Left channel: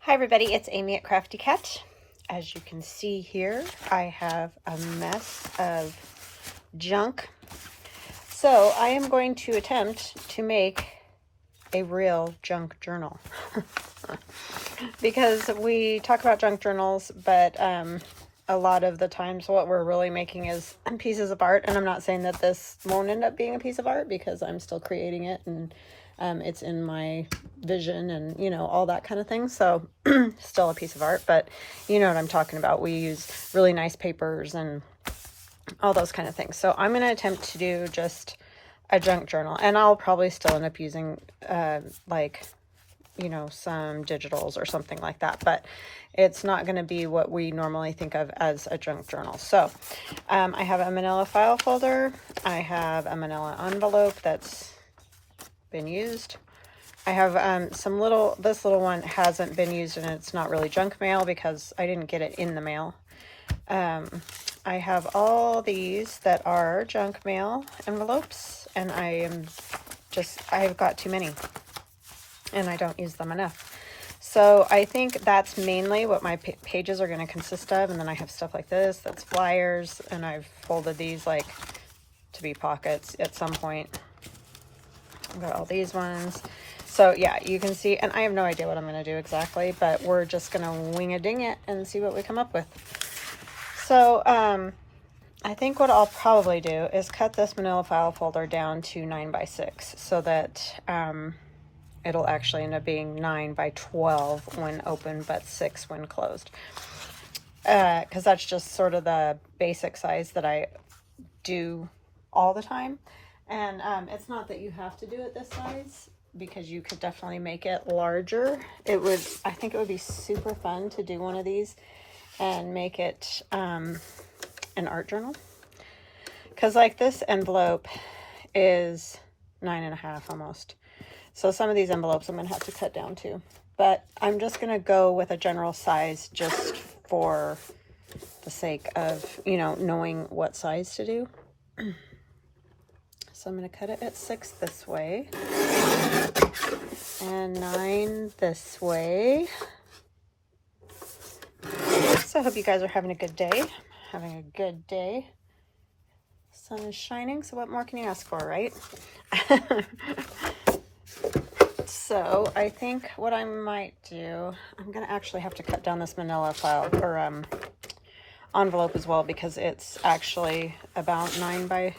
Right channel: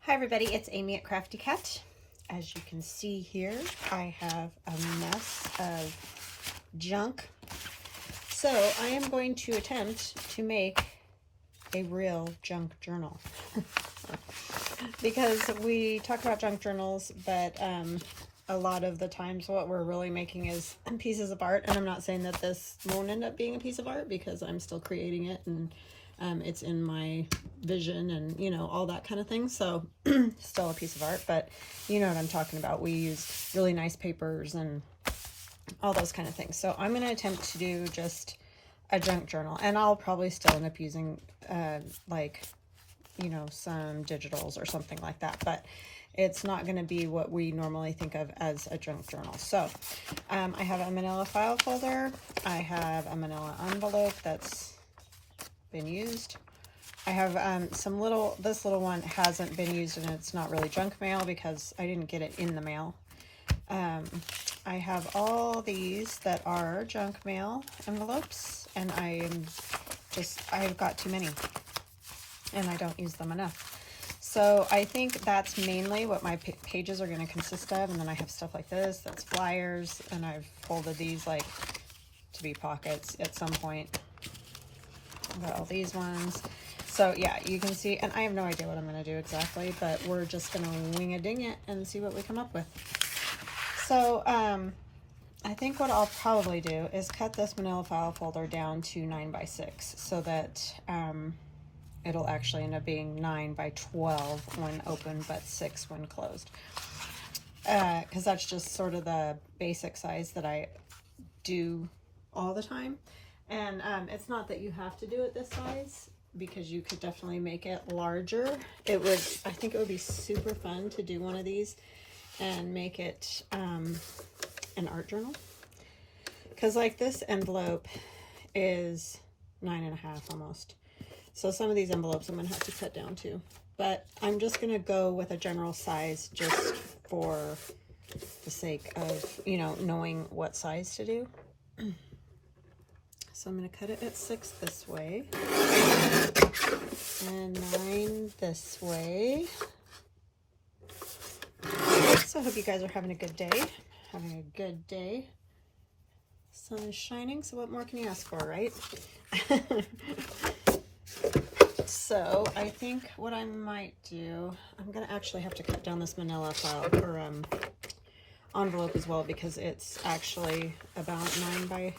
Hi everybody, it's Amy at Crafty Cat. As you can see here, I have a mess of junk. So I am going to attempt to make a real junk journal. Because we talk about junk journals, but a lot of the times what we're really making is pieces of art. And I'm not saying that this won't end up being a piece of art, because I'm still creating it and it's in my vision and, you know, all that kind of thing. So still a piece of art, but you know what I'm talking about. We use really nice papers and all those kind of things. So I'm going to attempt to do just a junk journal, and I'll probably still end up using like, you know, some digitals or something like that, but it's not going to be what we normally think of as a junk journal. So I have a manila file folder. I have a manila envelope that's been used. I have this little one hasn't been used, and it's not really junk mail because I didn't get it in the mail. I have all these that are junk mail envelopes, and I've got too many and I don't use them enough. So I think that's mainly what my pages are going to consist of. And then I have stuff like this, that's flyers, and I've folded these like to be pockets at some point. I've got all these ones. So yeah, you can see, and I have no idea what I'm going to do exactly, but we're just going to wing a ding it and see what we come up with. So I think what I'll probably do is cut this manila file folder down to 9 by 6 so that it'll actually end up being 9 by 12 when open, but 6 when closed. Because that's just sort of the basic size that I do all the time. And it's not that you have to do it this size, because you could definitely make it larger. I think it would be super fun to do one of these and make it an art journal. Because like this envelope is 9.5 almost. So some of these envelopes I'm going to have to cut down too. But I'm just going to go with a general size just for the sake of, you know, knowing what size to do. So I'm going to cut it at 6 this way and 9 this way. So I hope you guys are having a good day. Having a good day. Sun is shining, so what more can you ask for, right? So I think what I might do, I'm going to actually have to cut down this manila file or envelope as well, because it's actually about 9 by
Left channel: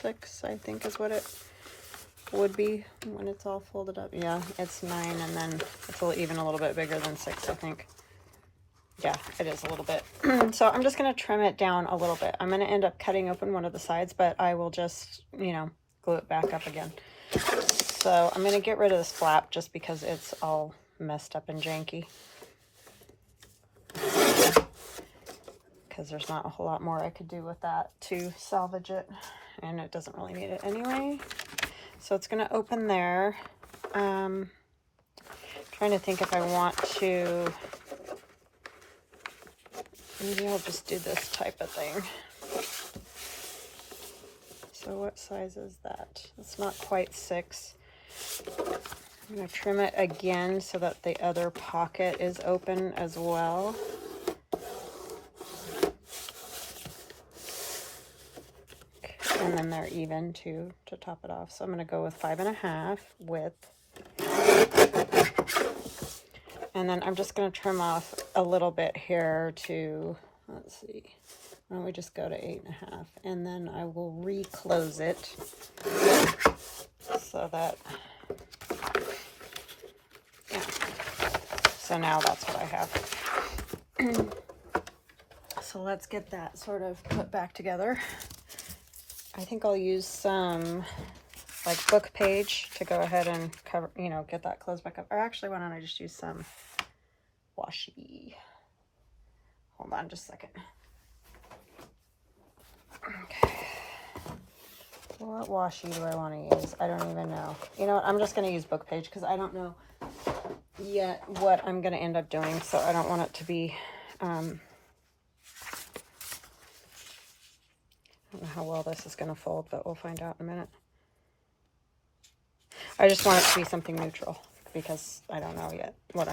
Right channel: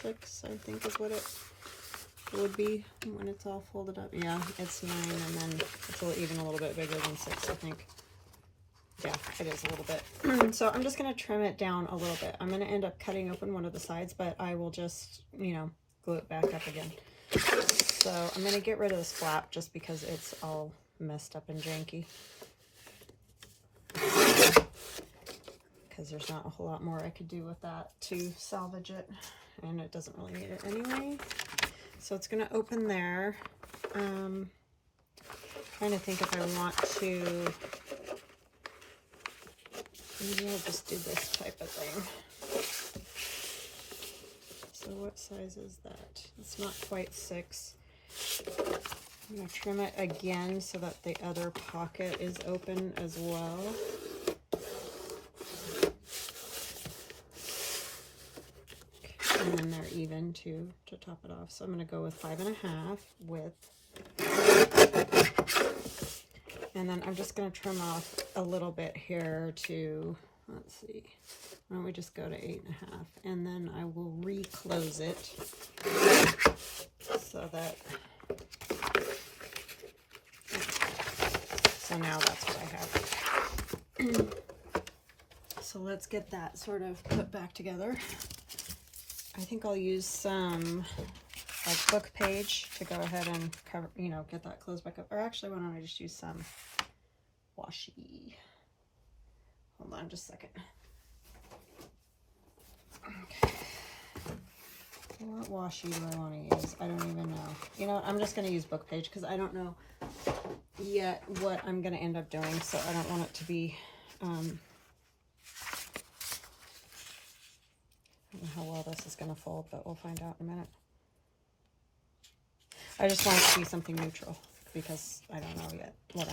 6, I think is what it would be when it's all folded up. Yeah, it's 9, and then it's even a little bit bigger than 6, I think. Yeah, it is a little bit. So I'm just going to trim it down a little bit. I'm going to end up cutting open one of the sides, but I will just, you know, glue it back up again. So I'm going to get rid of this flap just because it's all messed up and janky. Because there's not a whole lot more I could do with that to salvage it. And it doesn't really need it anyway. So it's going to open there. Trying to think if I want to... Maybe I'll just do this type of thing. So what size is that? It's not quite 6. I'm going to trim it again so that the other pocket is open as well. And then they're even too to top it off. So I'm going to go with 5.5 width. And then I'm just going to trim off a little bit here to, let's see, why don't we just go to 8.5, and then I will reclose it so that, yeah. So now that's what I have. So let's get that sort of put back together. I think I'll use some like book page to go ahead and cover, you know, get that closed back up. Or actually, why don't I just use some washi? Hold on just a second. Okay. What washi do I want to use? I don't even know. You know what? I'm just going to use book page because I don't know yet what I'm going to end up doing. So I don't want it to be, I don't know how well this is going to fold, but we'll find out in a minute. I just want it to be something neutral because I don't know yet what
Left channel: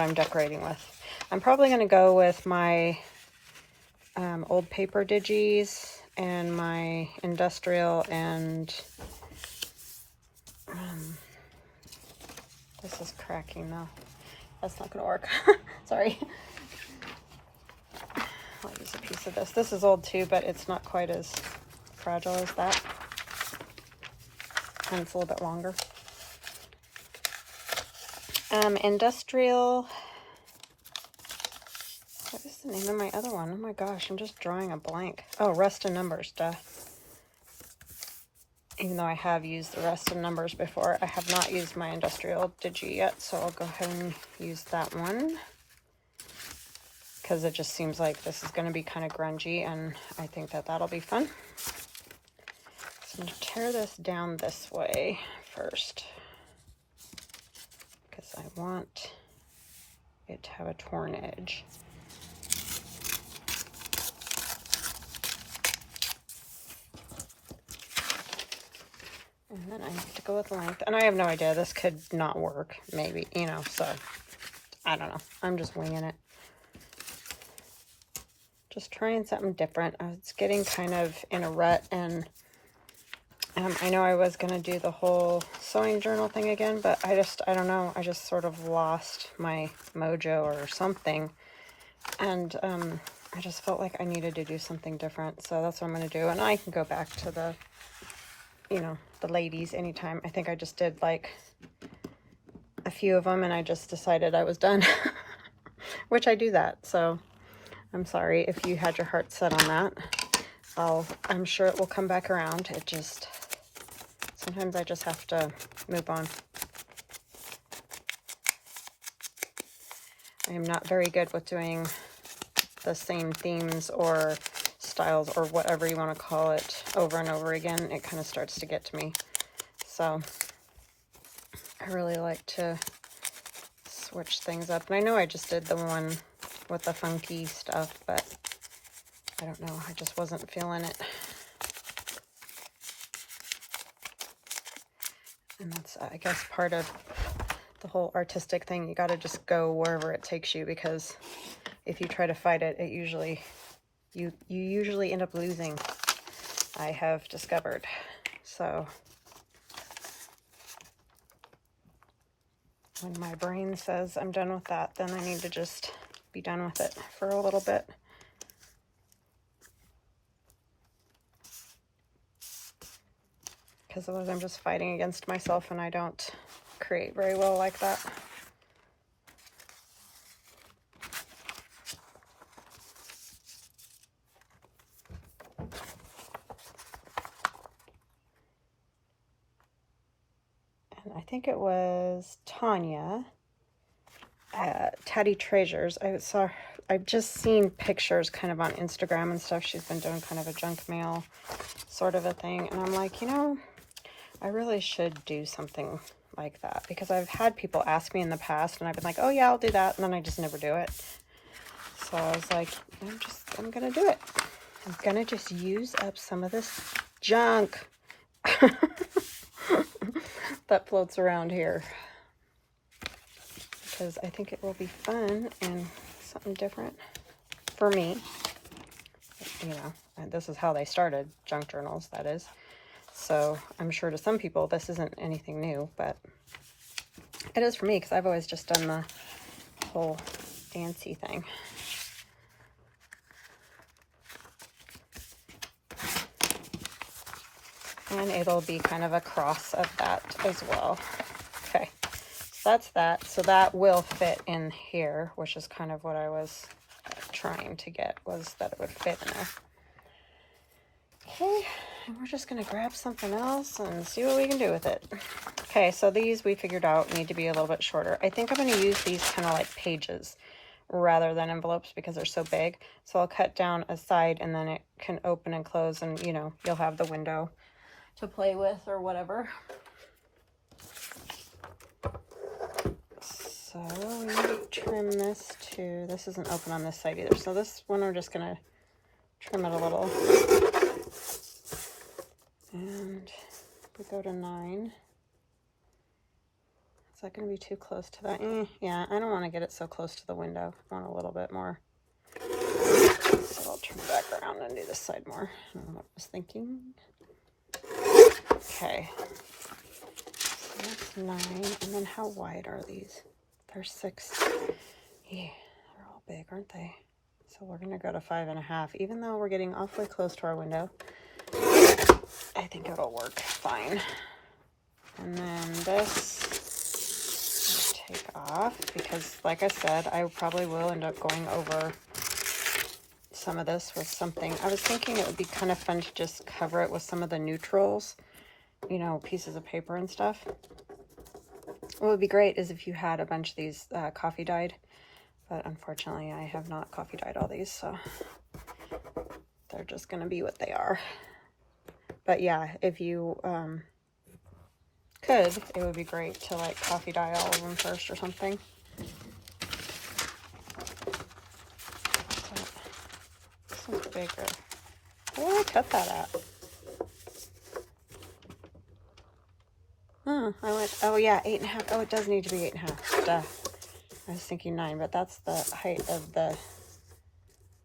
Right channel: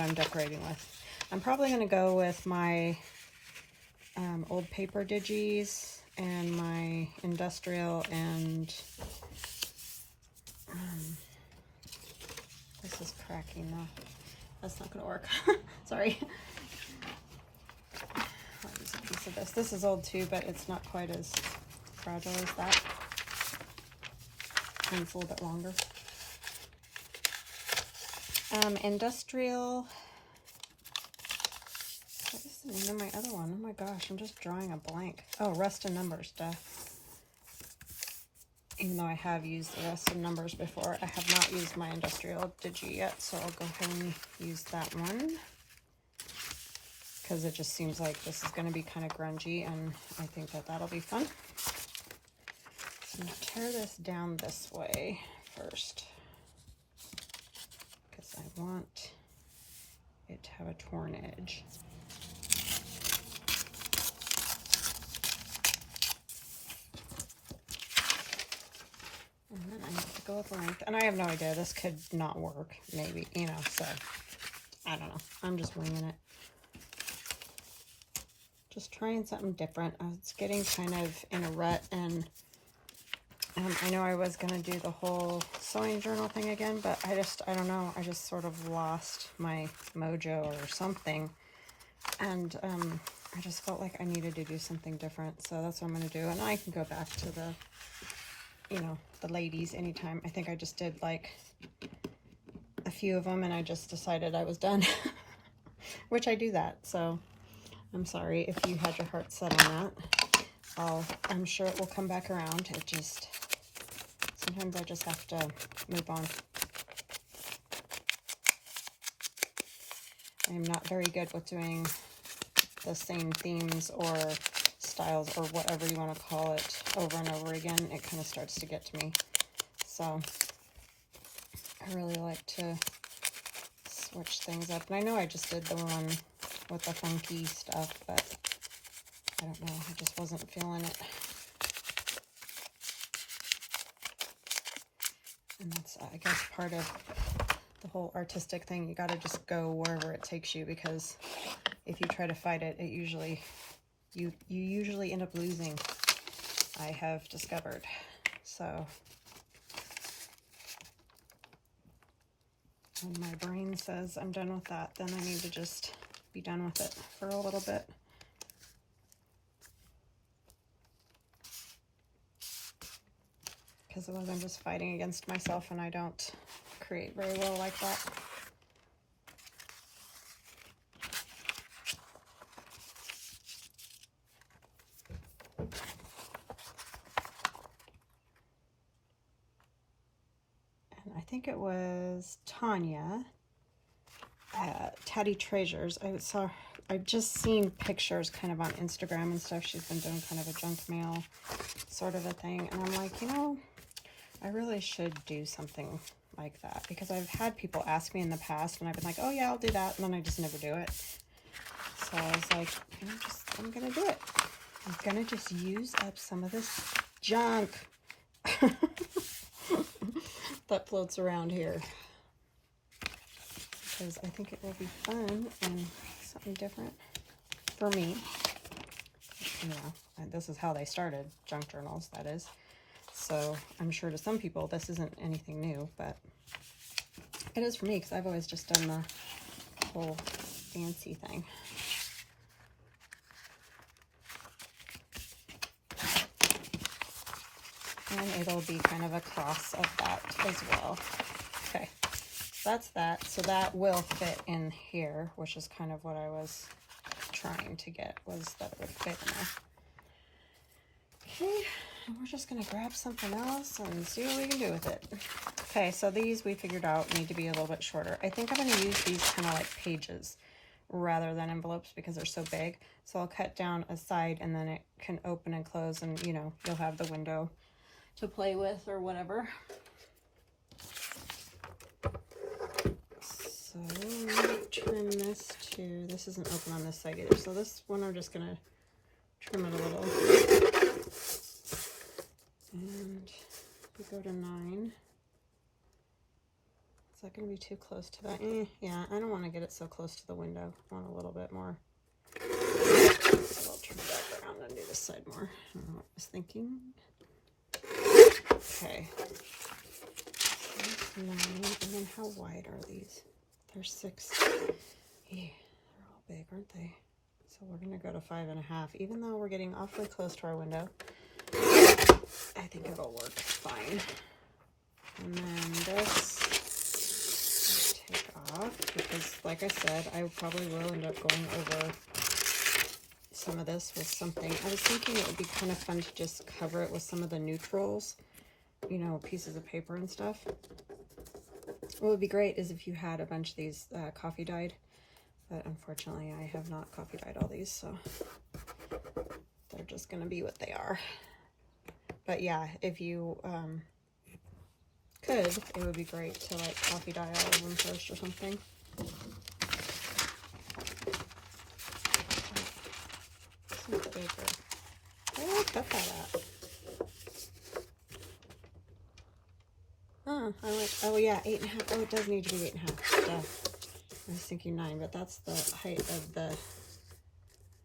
I'm decorating with. I'm probably going to go with my old paper digis and my industrial, and this is cracking though. That's not going to work. Sorry. I'll use a piece of this. This is old too, but it's not quite as fragile as that. And it's a little bit longer. Industrial. What is the name of my other one? Oh my gosh, I'm just drawing a blank. Oh, Rest in Numbers, duh. Even though I have used the Rest in Numbers before, I have not used my industrial digi yet, so I'll go ahead and use that one. Because it just seems like this is going to be kind of grungy, and I think that that'll be fun. So I'm going to tear this down this way first, because I want it to have a torn edge. And then I have to go with length. And I have no idea. This could not work, maybe, you know, so I don't know. I'm just winging it. Just trying something different. It's getting kind of in a rut, and I know I was going to do the whole sewing journal thing again, but I don't know. I just sort of lost my mojo or something. And I just felt like I needed to do something different. So that's what I'm going to do. And I can go back to the, you know, the ladies anytime. I think I just did like a few of them, and I just decided I was done, which I do that. So I'm sorry if you had your heart set on that. I'm sure it will come back around. It just, sometimes I just have to move on. I am not very good with doing the same themes or styles or whatever you want to call it over and over again. It kind of starts to get to me. So I really like to switch things up. And I know I just did the one with the funky stuff, but I don't know. I just wasn't feeling it. And that's, I guess, part of the whole artistic thing. You got to just go wherever it takes you, because if you try to fight it, it usually, you usually end up losing, I have discovered. So when my brain says I'm done with that, then I need to just be done with it for a little bit. Because otherwise I'm just fighting against myself, and I don't create very well like that. And I think it was Tanya at Tatty Treasures. I've just seen pictures kind of on Instagram and stuff. She's been doing kind of a junk mail sort of a thing. And I'm like, you know, I really should do something like that, because I've had people ask me in the past, and I've been like, oh yeah, I'll do that. And then I just never do it. So I was like, I'm going to do it. I'm going to just use up some of this junk that floats around here, because I think it will be fun and something different for me. You know, and this is how they started junk journals, that is. So I'm sure to some people this isn't anything new, but it is for me, because I've always just done the whole fancy thing. And it'll be kind of a cross of that as well. Okay, so that's that. So that will fit in here, which is kind of what I was trying to get, was that it would fit in there. Okay, and we're just going to grab something else and see what we can do with it. Okay, so these we figured out need to be a little bit shorter. I think I'm going to use these kind of like pages rather than envelopes, because they're so big. So I'll cut down a side, and then it can open and close, and you know, you'll have the window to play with or whatever. So I'm going to trim this too. This isn't open on this side either. So this one we're just going to trim it a little. And we go to 9. that going to be too close to that? Yeah, I don't want to get it so close to the window. I want a little bit more. So I'll turn it back around and do this side more. I don't know what I was thinking. Okay. So that's 9. And then how wide are these? They're 6. Yeah, they're all big, aren't they? So we're going to go to 5.5. Even though we're getting awfully close to our window, I think it'll work fine. And then this I'll take off because, like I said, I probably will end up going over some of this with something. I was thinking it would be kind of fun to just cover it with some of the neutrals, you know, pieces of paper and stuff. What would be great is if you had a bunch of these coffee dyed, but unfortunately I have not coffee dyed all these, so they're just going to be what they are. But yeah, if you could, it would be great to like coffee dye all of them first or something. This one's bigger. Where did I cut that at? Oh, oh yeah, 8.5. Oh, it does need to be 8.5. Duh. I was thinking 9, but that's the height of the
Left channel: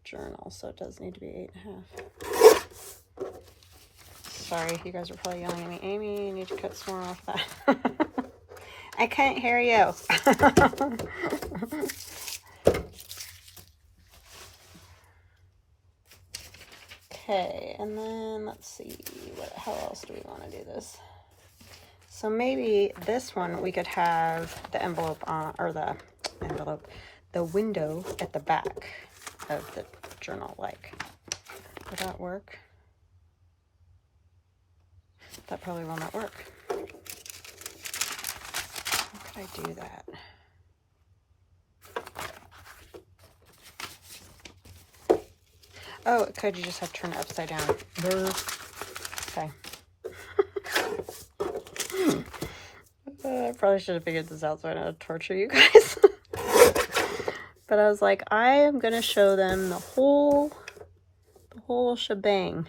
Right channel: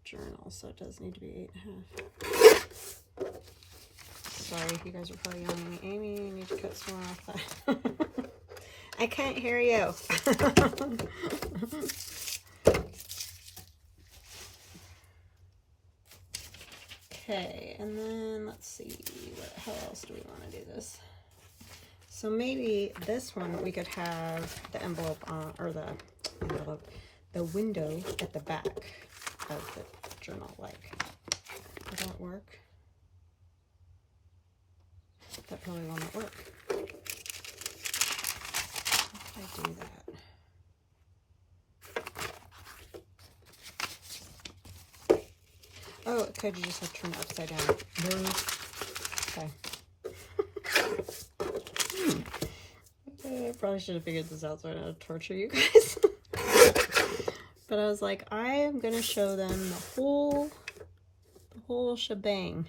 journal, so it does need to be 8.5. Sorry, you guys are probably yelling at me. Amy, you need to cut some more off that. I can't hear you. Okay, and then let's see, how else do we want to do this? So maybe this one we could have the envelope on, or the window at the back of the journal, like. Would that work? That probably will not work. How could I do that? Oh, could you just have to turn it upside down? Okay. I probably should have figured this out so I don't have to torture you guys. But I was like, I am going to show them the whole shebang.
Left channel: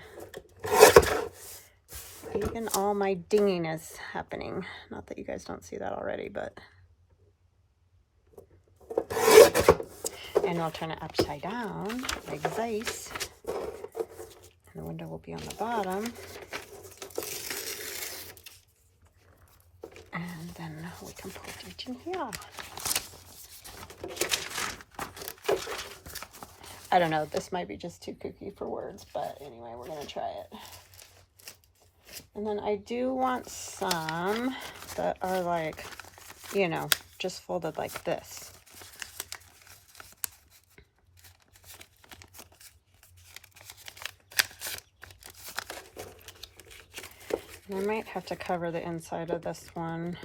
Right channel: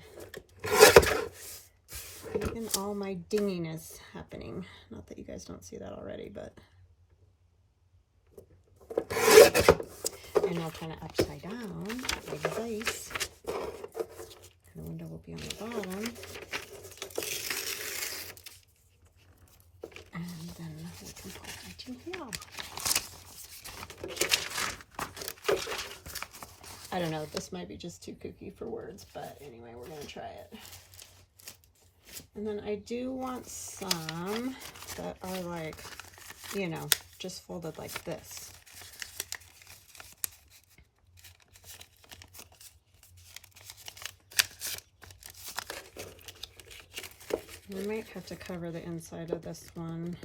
Even all my dinginess happening. Not that you guys don't see that already, but. And I'll turn it upside down, like this. And the window will be on the bottom. And then we can put it in here. I don't know, this might be just too kooky for words, but anyway, we're gonna try it. And then I do want some that are like, you know, just folded like this. I might have to cover the inside of this one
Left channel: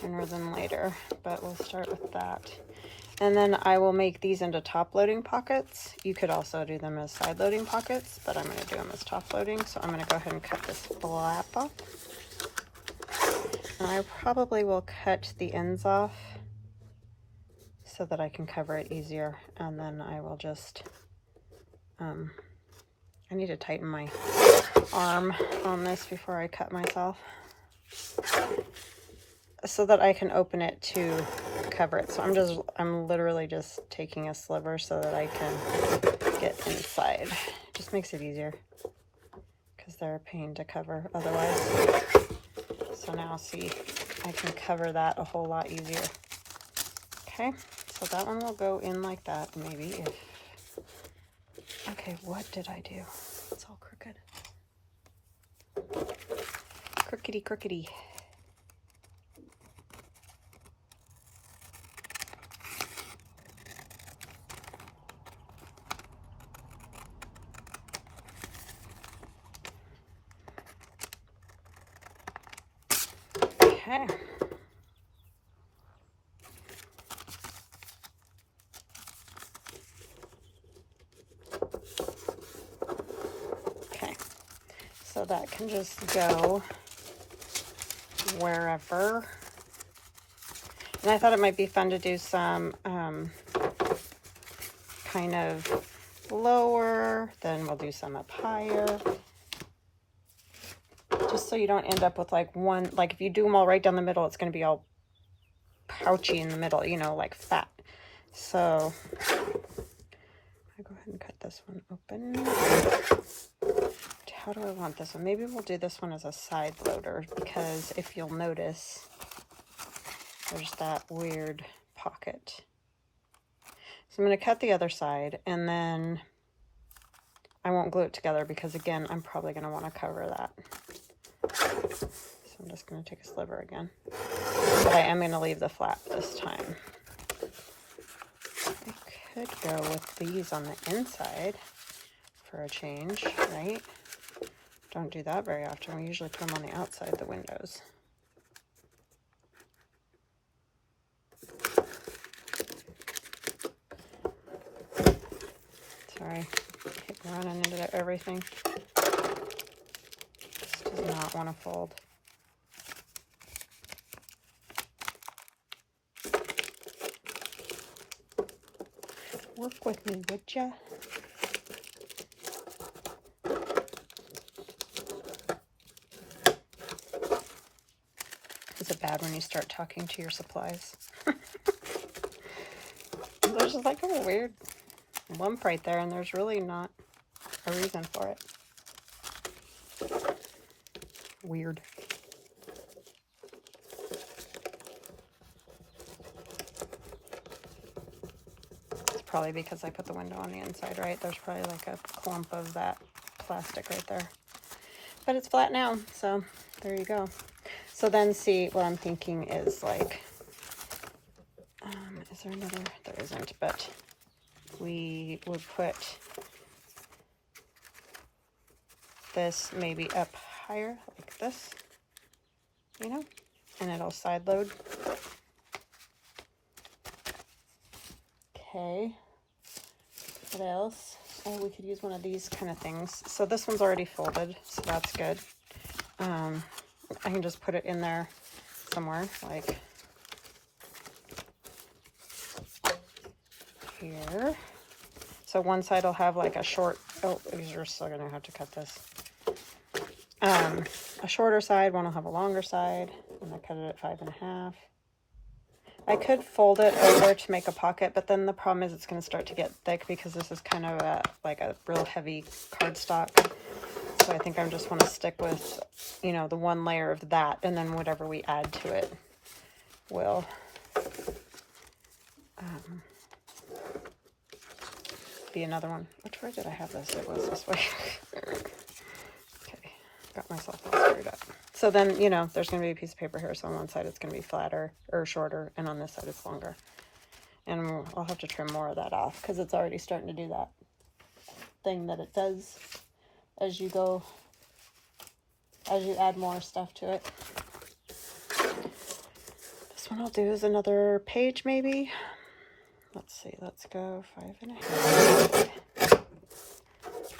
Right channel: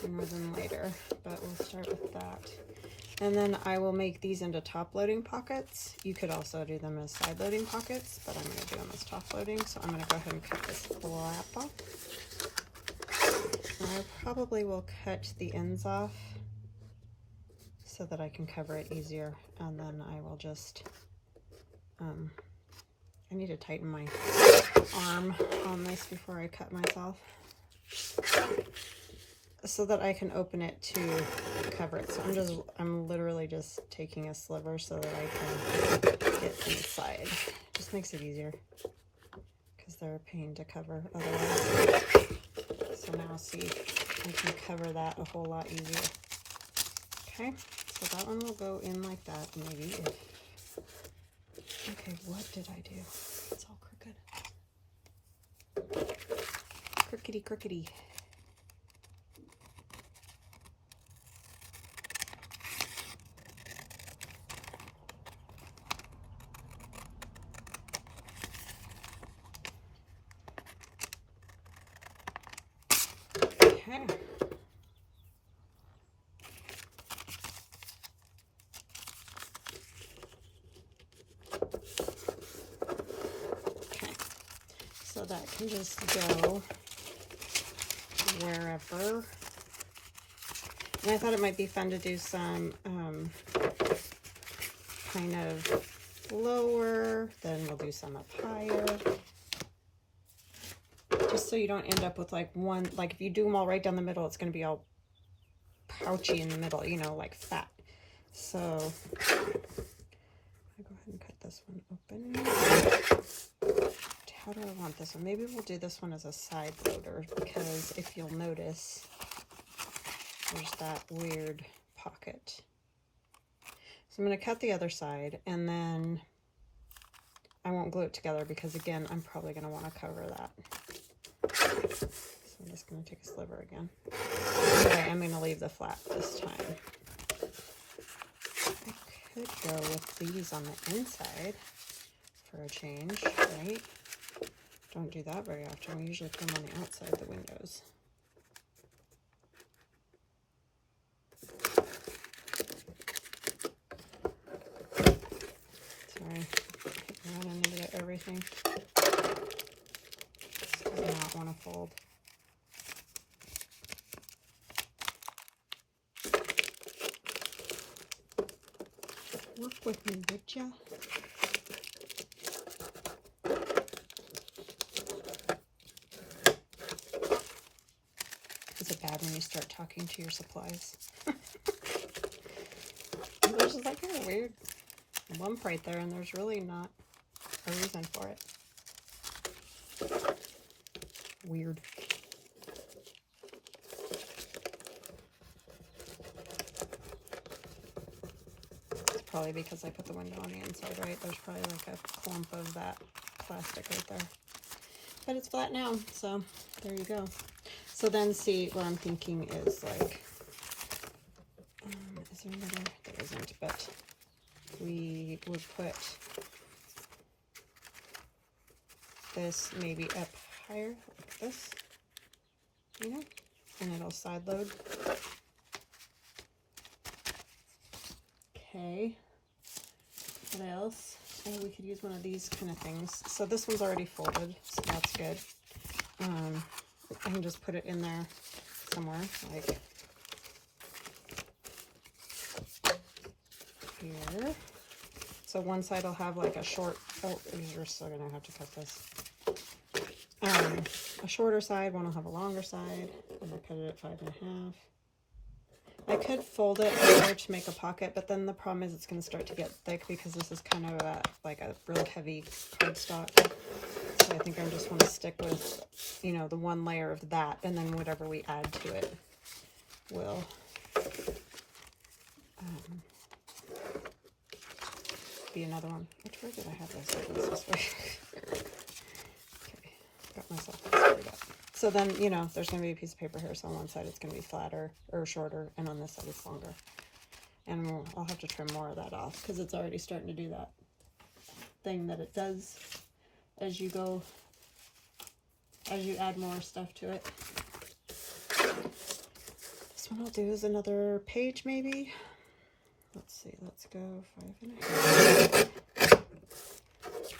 sooner than later, but we'll start with that. And then I will make these into top loading pockets. You could also do them as side loading pockets, but I'm going to do them as top loading. So I'm going to go ahead and cut this flap off. And I probably will cut the ends off so that I can cover it easier. And then I will just, I need to tighten my arm on this before I cut myself, so that I can open it to cover it. So I'm literally just taking a sliver so that I can get inside. It just makes it easier because they're a pain to cover otherwise. So now see, I can cover that a whole lot easier. Okay, so that one will go in like that, maybe. Okay, what did I do? It's all crooked. Crookedy, crookedy. Okay. Okay. So that can just go wherever. And I thought it might be fun to do some kind of lower, then we'll do some up higher. Do just so you don't end up with like one, like if you do them all right down the middle, it's going to be all pouchy in the middle, you know, like fat. So I'll go ahead and cut this one open. How do I want this one? Maybe we'll do this one as a side loader, because if you'll notice, there's that weird pocket. So I'm going to cut the other side, and then I won't glue it together because, again, I'm probably going to want to cover that. So I'm just going to take a sliver again. But I am going to leave the flat this time. I could go with these on the inside for a change, right? Don't do that very often. We usually put them on the outside of the windows. Sorry, keep running into everything. This does not want to fold. Work with me, would ya? Is it bad when you start talking to your supplies? There's just like a weird lump right there, and there's really not a reason for it. Weird. It's probably because I put the window on the inside, right? There's probably like a clump of that plastic right there. But it's flat now, so there you go. So then, see, what I'm thinking is like, is there another? There isn't, but we would put this maybe up higher, like this, you know, and it'll side load. Okay, what else? Oh, we could use one of these kind of things. So this one's already folded, so that's good. I can just put it in there somewhere, like here. So one side will have like a short, oh, you're still gonna have to cut this. A shorter side, one will have a longer side. I'm gonna cut it at 5.5. I could fold it over to make a pocket, but then the problem is it's gonna start to get thick because this is kind of like a real heavy cardstock. So I think I just want to stick with, you know, the one layer of that, and then whatever we add to it will be another one. Which way did I have this? It was this way. Okay, got myself all screwed up. So then, you know, there's going to be a piece of paper here, so on one side it's going to be flatter or shorter, and on this side it's longer. And I'll have to trim more of that off because it's already starting to do that thing that it does as you go, as you add more stuff to it. This one I'll do is another page maybe. Let's see, let's go 5.5.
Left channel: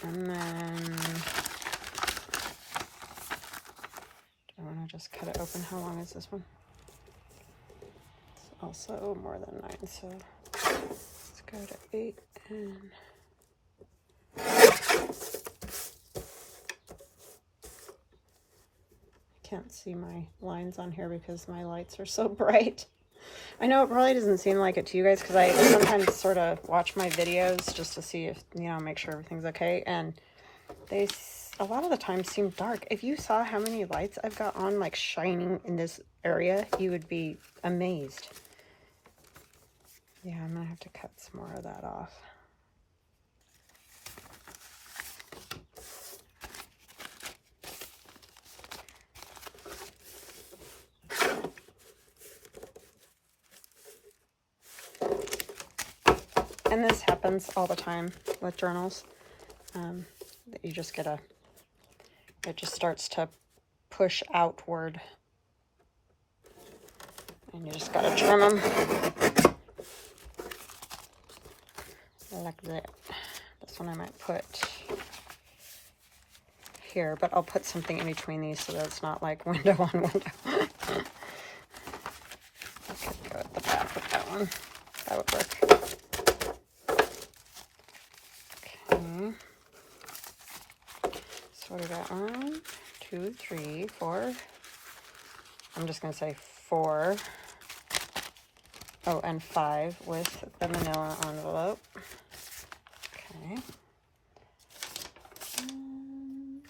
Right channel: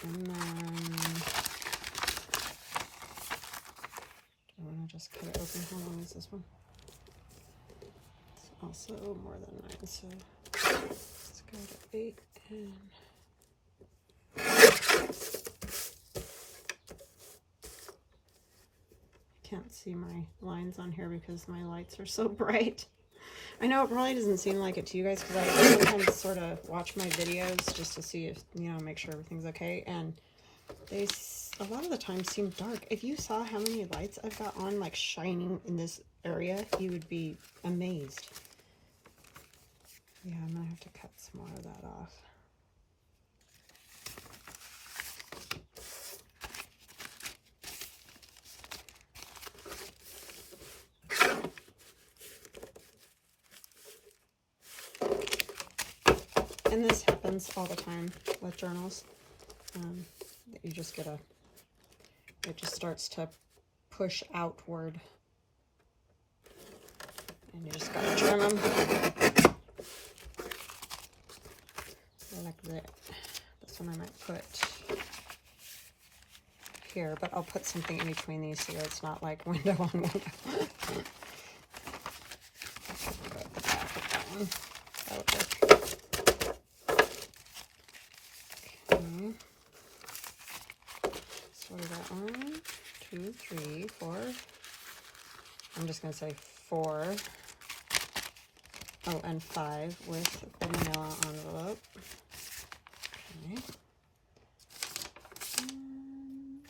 And then I want to just cut it open. How long is this one? It's also more than 9, so let's go to 8 and can't see my lines on here because my lights are so bright. I know it probably doesn't seem like it to you guys because I sometimes sort of watch my videos just to see if, you know, make sure everything's okay, and they a lot of the time seem dark. If you saw how many lights I've got on, like shining in this area, you would be amazed. Yeah, I'm gonna have to cut some more of that off. And this happens all the time with journals. That you just get it just starts to push outward. And you just gotta trim them. Like that. This one I might put here, but I'll put something in between these so that it's not like window on window. I could go at the back with that one. That would work. Okay. So what do we got on? 2, 3, 4. I'm just going to say 4. Oh, and 5 with the manila envelope. Okay. And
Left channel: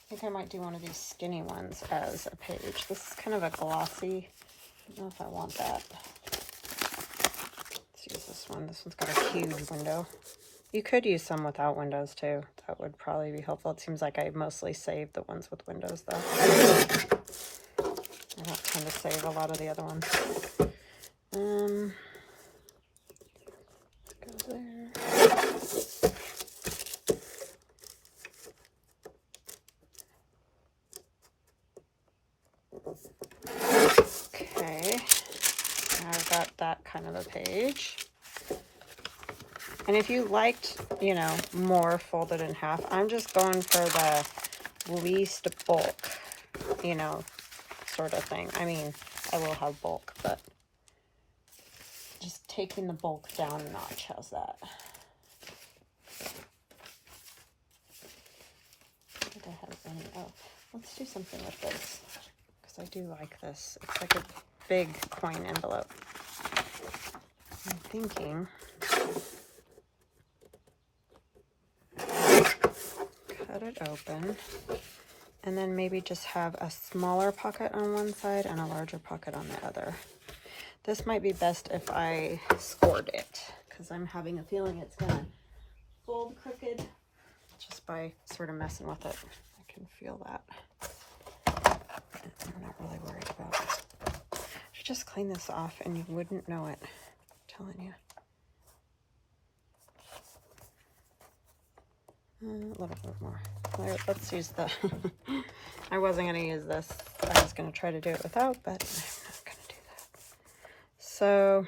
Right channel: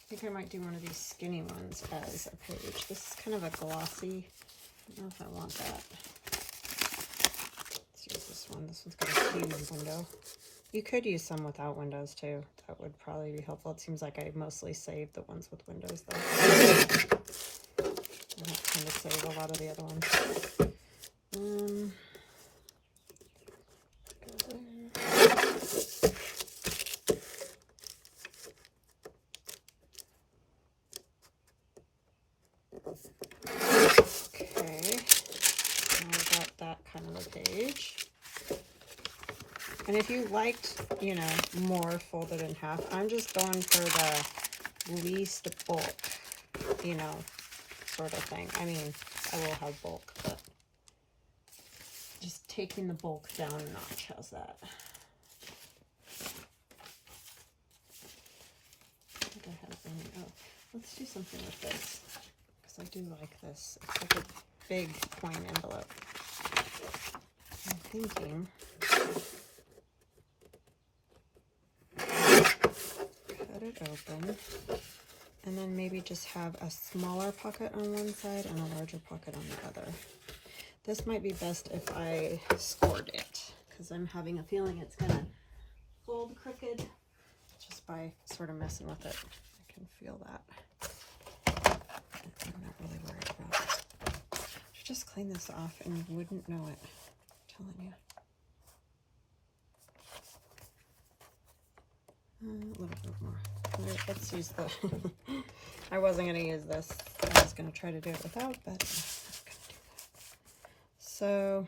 I think I might do one of these skinny ones as a page. This is kind of a glossy. I don't know if I want that. Let's use this one. This one's got a huge window. You could use some without windows too. That would probably be helpful. It seems like I mostly saved the ones with windows though. I don't tend to save a lot of the other ones. Okay, now I've got that kind of a page. And if you liked, you know, more folded in half, I'm just going for the least bulk, you know, sort of thing. I mean, I will have bulk, but just taking the bulk down a notch. How's that? I think I have any. Oh, let's do something with this because I do like this. It's like a big coin envelope. I'm thinking cut it open and then maybe just have a smaller pocket on one side and a larger pocket on the other. This might be best if I scored it because I'm having a feeling it's gonna fold crooked just by sort of messing with it. I can feel that. I'm not really worried about it. I should just clean this off and you wouldn't know it. I'm telling you. A little bit more. All right, let's use the I wasn't going to use this. I was going to try to do it without, but I'm not going to do that. So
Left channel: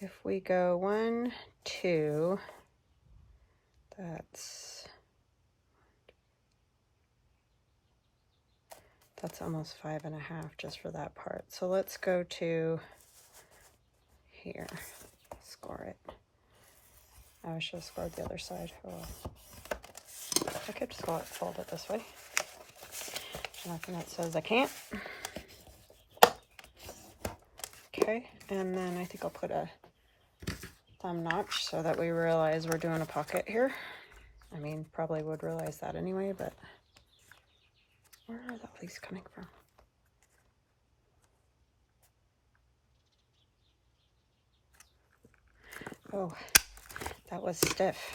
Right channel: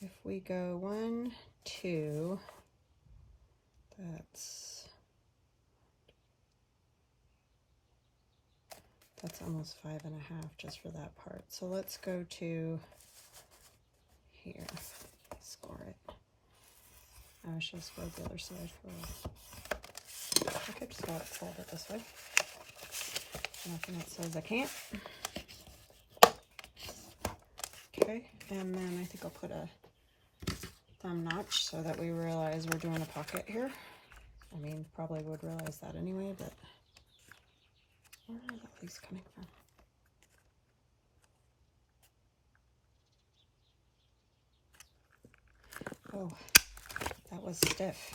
if we go 1, 2, that's almost 5.5 just for that part. So let's go to here, score it. I should have scored the other side. Oh. I could fold it this way. Nothing that says I can't. Okay, and then I think I'll put a thumb notch so that we realize we're doing a pocket here. I mean, probably would realize that anyway, but where are the leaves coming from? Oh, that was stiff.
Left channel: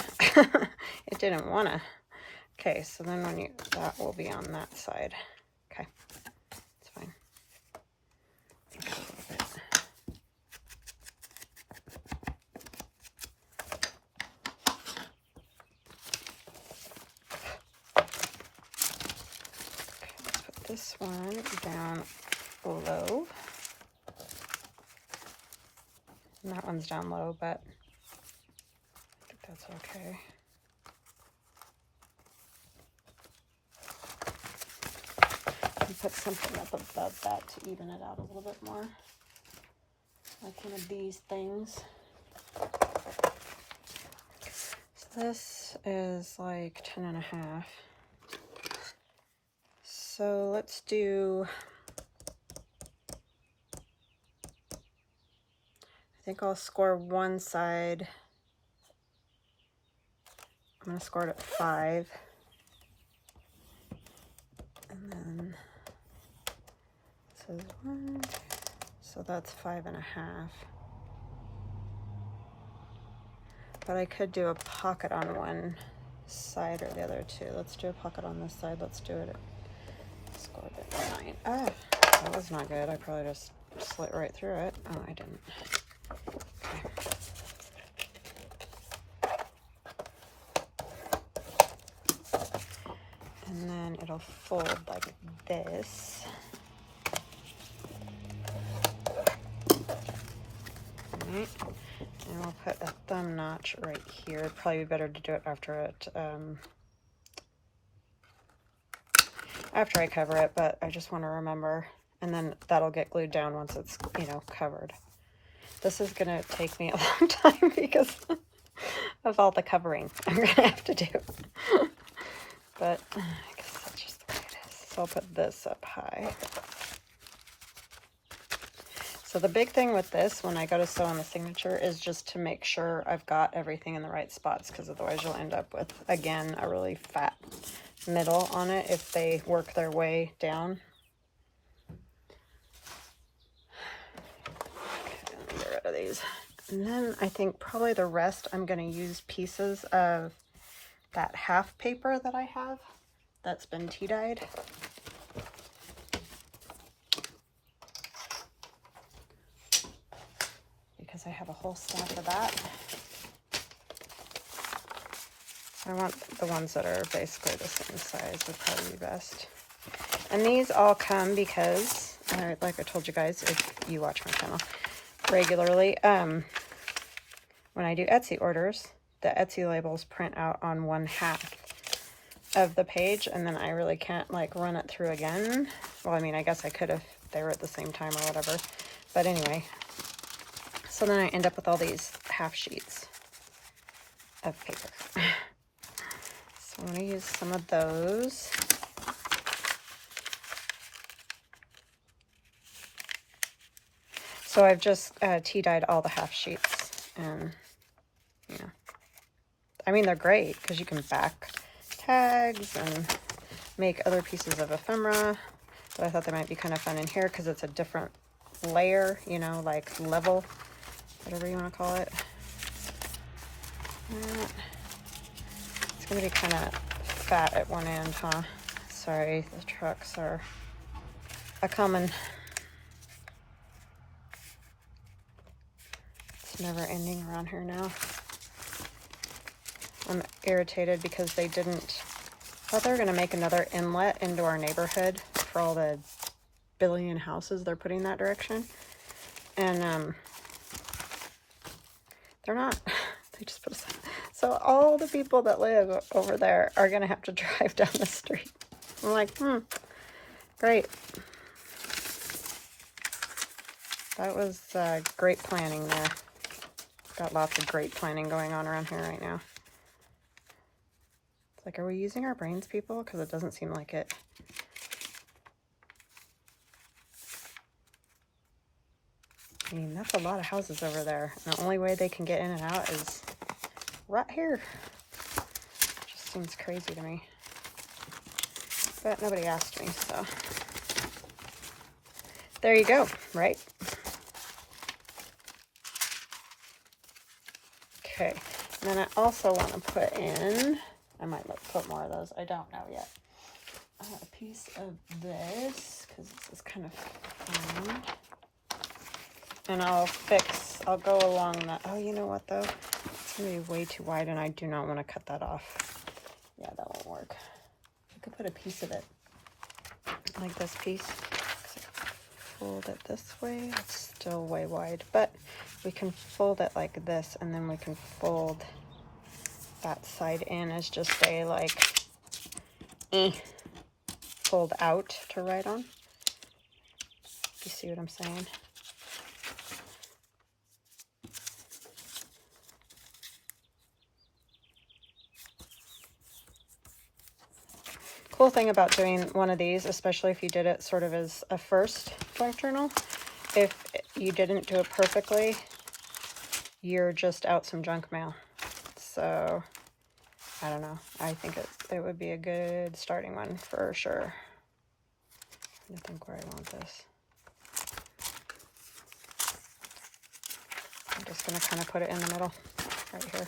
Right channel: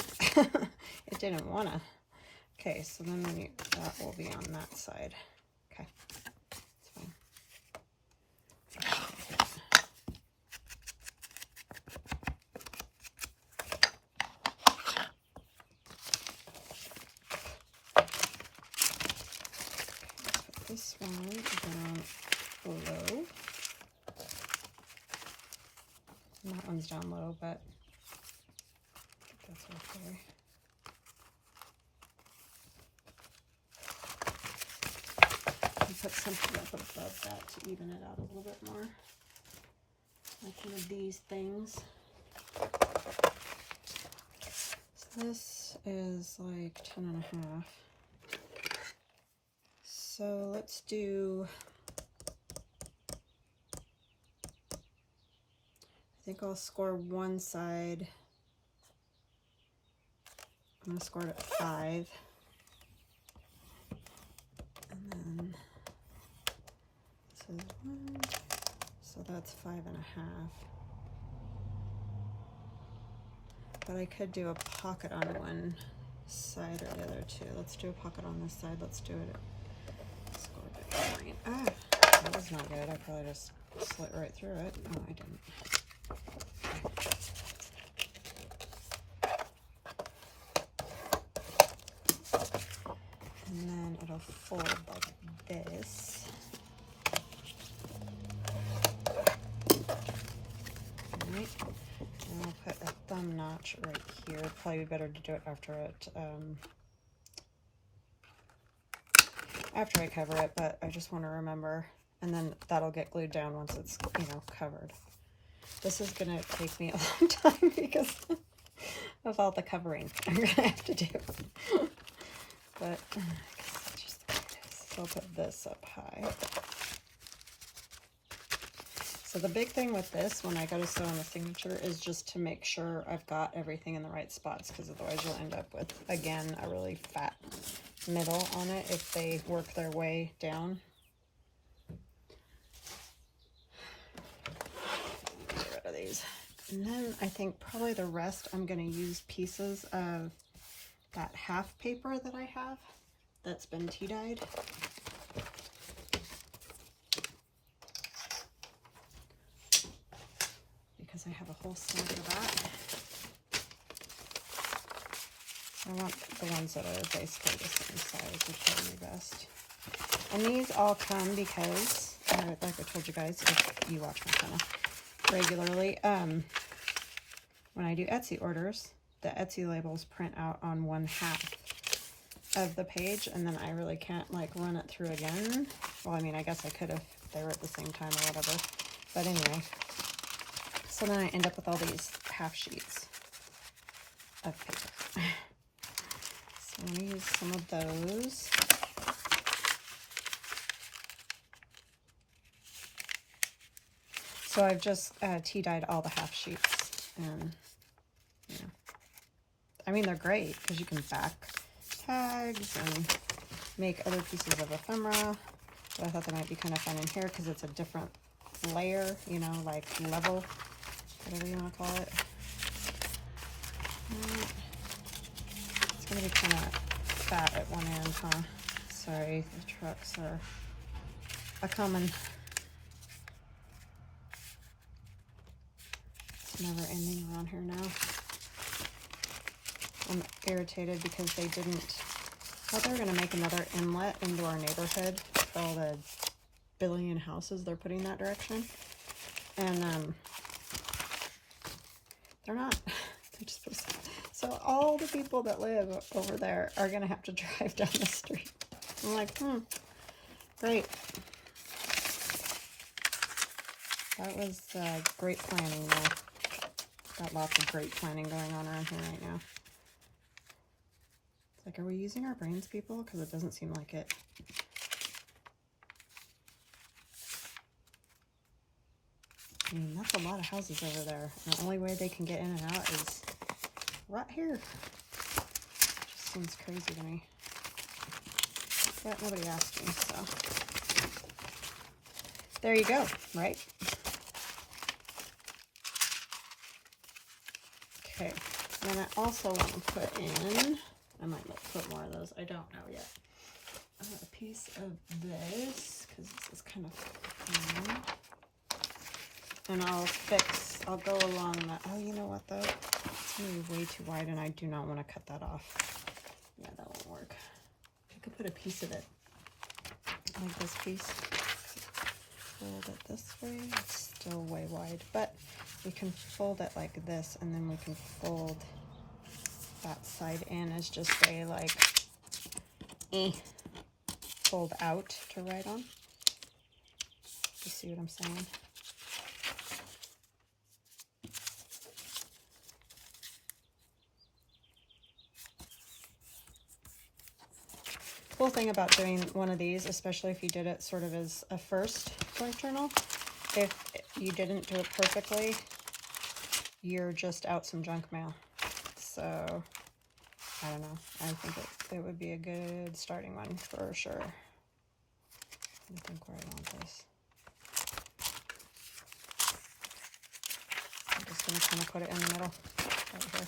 It didn't wanna. Okay, so then when you, that will be on that side. Okay, it's fine. Put this one down low. And that one's down low, but I think that's okay. And put something up above that to even it out a little bit more. Like one of these things. So this is like 10.5. So let's do, I think I'll score one side. I'm going to score it at 5. And then this is 1. So that's 5.5. But I could do a pocket on one side or the other too. Let's do a pocket on this side. Let's do it at, scored it at 9. Ah, that was not good. I probably just slit right through it. Oh, I didn't. And then it'll fold like this. Right. And I'll put a thumb notch right here. It'd probably be better to do it after I cover it, but I just want to remember. And then that'll get glued down once it's, you know, covered. This is gonna take me a long time because of all the covering I'm gonna have to do. But I guess that's just the way it is. So I'll put this up high. So the big thing with this, when I go to sew on the signature, is just to make sure I've got everything in the right spots, because otherwise you'll end up with, again, a really fat middle on it if they work their way down. Get rid of these. And then I think probably the rest I'm going to use pieces of that half paper that I have that's been tea dyed. Because I have a whole stack of that. I want the ones that are basically the same size would probably be best. And these all come because, like I told you guys, if you watch my channel regularly, when I do Etsy orders, the Etsy labels print out on 1/2 of the page, and then I really can't like run it through again. Well, I mean, I guess I could if they were at the same time or whatever. But anyway, so then I end up with all these half sheets of paper. So I'm going to use some of those. So I've just tea dyed all the half sheets, and you know, I mean, they're great because you can back tags and make other pieces of ephemera. But I thought they might be kind of fun in here because it's a different layer, you know, like level, whatever you want to call it. It's going to be kind of fat at one end, huh? Sorry, the trucks are a common. It's never ending around here now. I'm irritated because they didn't. I thought they were going to make another inlet into our neighborhood for all the billion houses they're putting that direction. And they're not. They just put a sign. So all the people that live over there are going to have to drive down the street. I'm like, great. That was great planning there. Got lots of great planning going on around here right now. It's like, are we using our brains, people? Because it doesn't seem like it. I mean, that's a lot of houses over there. And the only way they can get in and out is right here. Just seems crazy to me. But nobody asked me, so. There you go, right? Okay, and then I also want to put in, I might put more of those, I don't know yet. A piece of this, because this is kind of fun. And I'll go along that. Oh, you know what though? It's going to be way too wide and I do not want to cut that off. Yeah, that won't work. I could put a piece of it, like this piece. Fold it this way. It's still way wide, but we can fold it like this, and then we can fold that side in as just a like fold out to write on. You see what I'm saying? Cool thing about doing one of these, especially if you did it sort of as a first blank journal, if you didn't do it perfectly, you're just out some junk mail. So, I don't know. I think it would be a good starting one for sure. I think where I want this. I'm just going to kind of put it in the middle, right here.